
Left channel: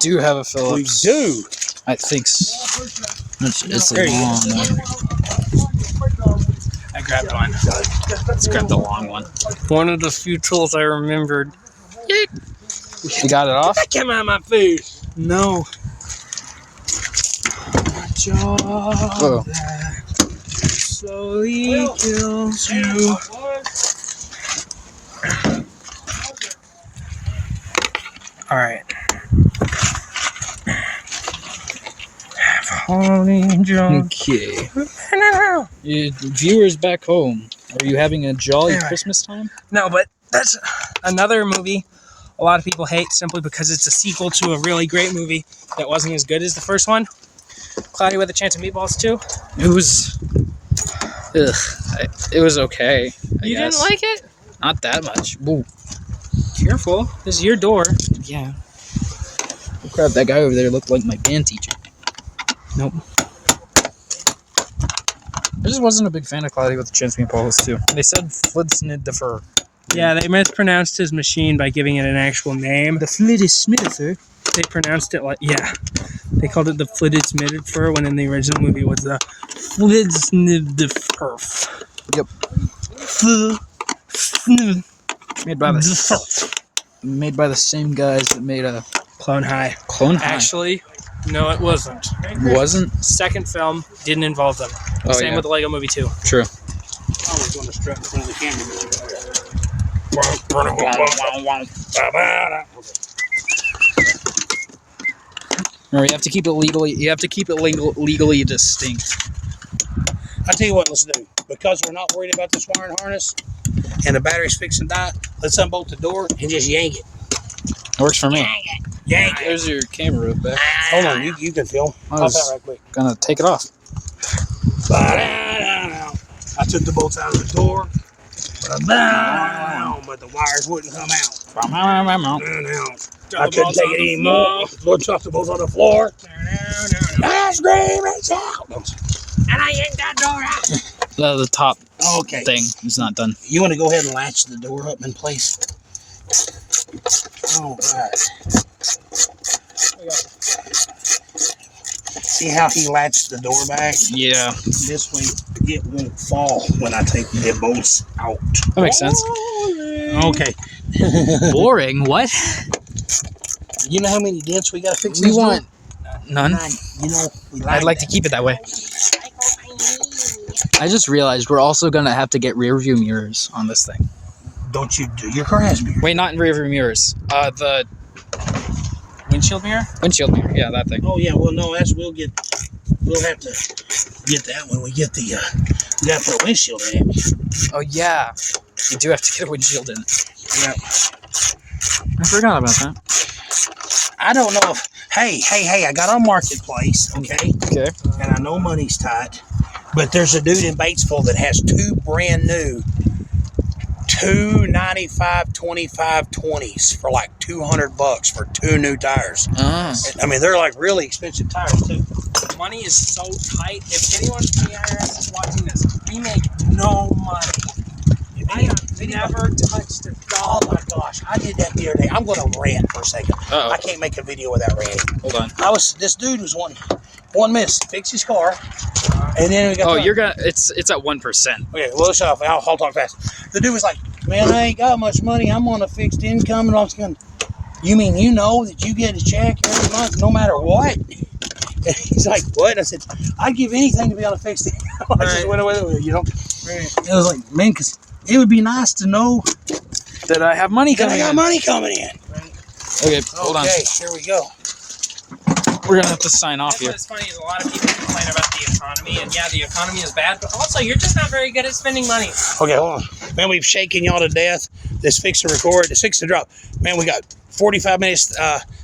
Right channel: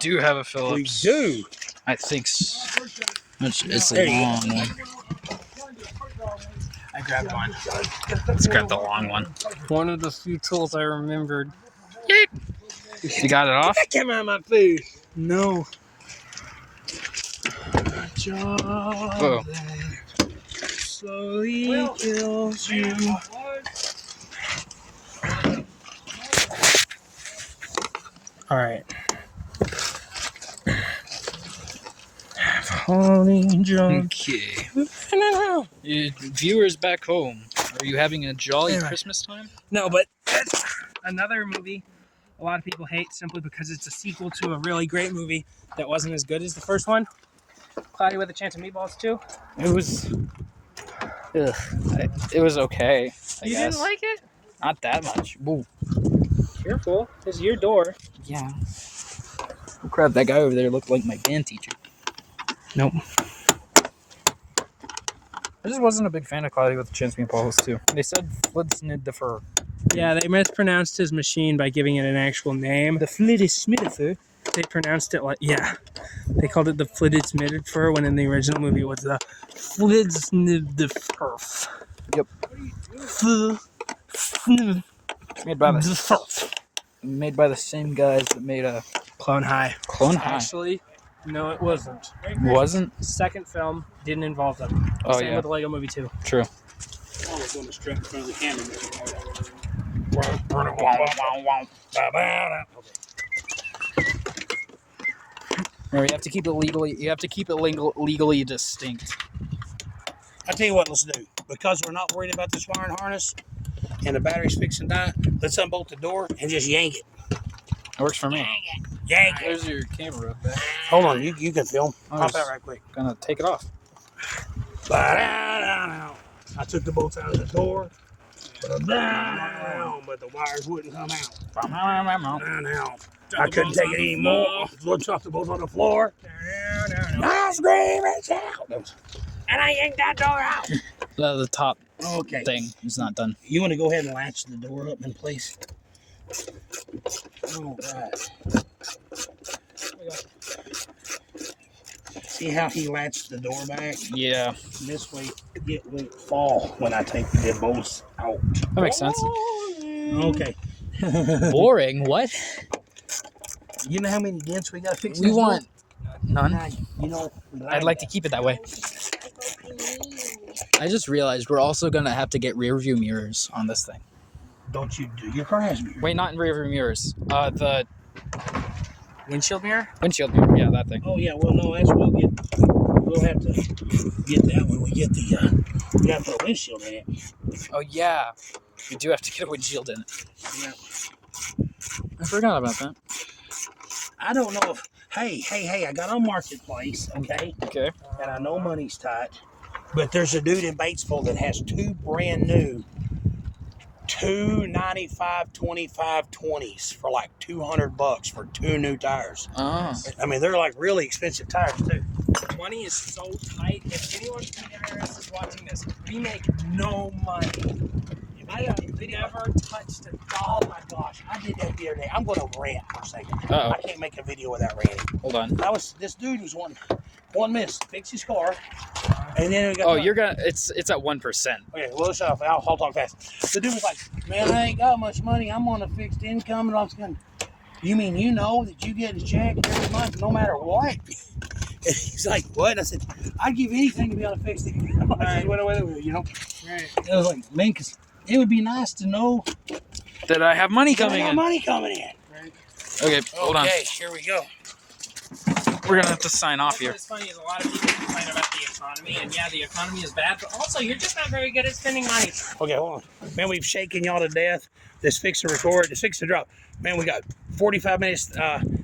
do have a Phillips. We do. I think so. It's a long one. I grabbed one. Let's grab the long one. One of the few tools I remembered. You got it off? That came out of my face. No. A job Oh. that slowly kills you. All right. Okay. Viewers back home, are you having a jolly Christmas time? No, but that's another movie a lot of people hate simply because it's a sequel to a really great movie that wasn't as good as the first one. Cloudy with a Chance of Meatballs 2. It was... Ugh. It was okay. You didn't like it? Not that much. Whoa. Careful. This is your door. Yeah. Oh, crap, that guy over there looked like my band teacher. Nope. I just wasn't a big fan of Cloudy with a Chance of Meatballs 2. They said Flidsniddifer. Yeah, they mispronounced his machine by giving it an actual name. The Flidsniddifer? They pronounced it like, yeah. They called it the Flidsniddifer when in the original movie it was the Flidsniddifer. Yep. Made by the same guys that made a Clone High. Clone High. Actually, no, it wasn't. Wasn't? Second film didn't involve them. Oh, Same yeah. with the Lego Movie 2. True. I always want to strap in front of the camera. Remember, you have to keep it legally. You have to keep it legally distinct. I tell you what, let's do. Because we're not worried about this wiring harness and the battery's fixing to die, let's unbolt the door and just yank it. It works for me. Yank it. There's your camera back. Hold on, you can film. I Pop was out right quick. gonna take it off. I took the bolts out of the door, but the wires wouldn't come out. I couldn't take it anymore. Lord chucked the bolts on the floor. I scream and shout. And I yanked that door out. The top Okay. thing is not done. You want to go ahead and latch the door up in place? All right. See how he latched the door back? Yeah, This way it won't fall when I take the bolts out. that makes sense. Okay. Boring. What? You know how many dents we got to fix We this want door? none. You know, we I'd like to keep it that way. I just realized we're also gonna have to get rear view mirrors on this thing. Don't you do your grass mirror? Wait, not in rear view mirrors. The Windshield mirror? windshield mirror. Yeah, that thing. Oh yeah, well no, we'll have to get that when we get the we got to put a windshield in it. Oh yeah, you do have to get a windshield in. Yeah. I forgot about that. I don't know if hey, I got on Marketplace, okay? Okay. And I know money's tight, but there's a dude in Batesville that has two brand new 295 25 20s for like $200 for two new tires. Oh. I mean, they're like really expensive tires too. Money is so tight. If anyone from the IRS is watching this, we make no money. I have never touched a Oh dollar. my gosh, I did that the other day. I'm gonna rant for a second. Uh-oh. I can't make a video without ranting. Hold on. This dude was one miss, fix his car, and then we got. Oh, you're gonna. It's at 1%. Okay, well, shut off. I'll talk fast. The dude was like, "Man, I ain't got much money. I'm on a fixed income, and I was going. You mean you know that you get a check every month, no matter what?" And he's like, "What?" And I said, "I'd give anything to be on a fixed income." I just went away, you know. Right. It was like, man, because it would be nice to know That I have money that I coming got in. money coming in. Okay, hold on. Okay, here we go. We're gonna have to sign off That's here. what's funny is a lot of people complain about the economy, and yeah, the economy is bad, but also you're just not very good at spending money. Okay, hold on. Man, we've shaken y'all to death. This fix to record. This fix to drop. Man, we got 45 minutes.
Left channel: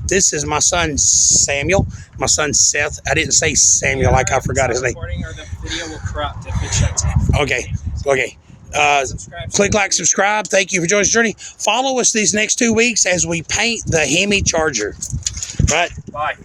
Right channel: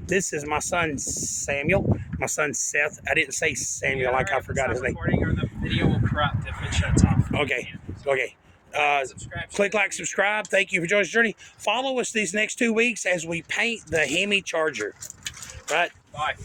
This is my son Samuel. My son Seth. I didn't say Samuel like I forgot his name. Recording or the video will corrupt if it shuts off. Okay. Okay. Subscribe. Click like, subscribe. Thank you for joining the journey. Follow us these next 2 weeks as we paint the Hemi Charger. Right. Bye.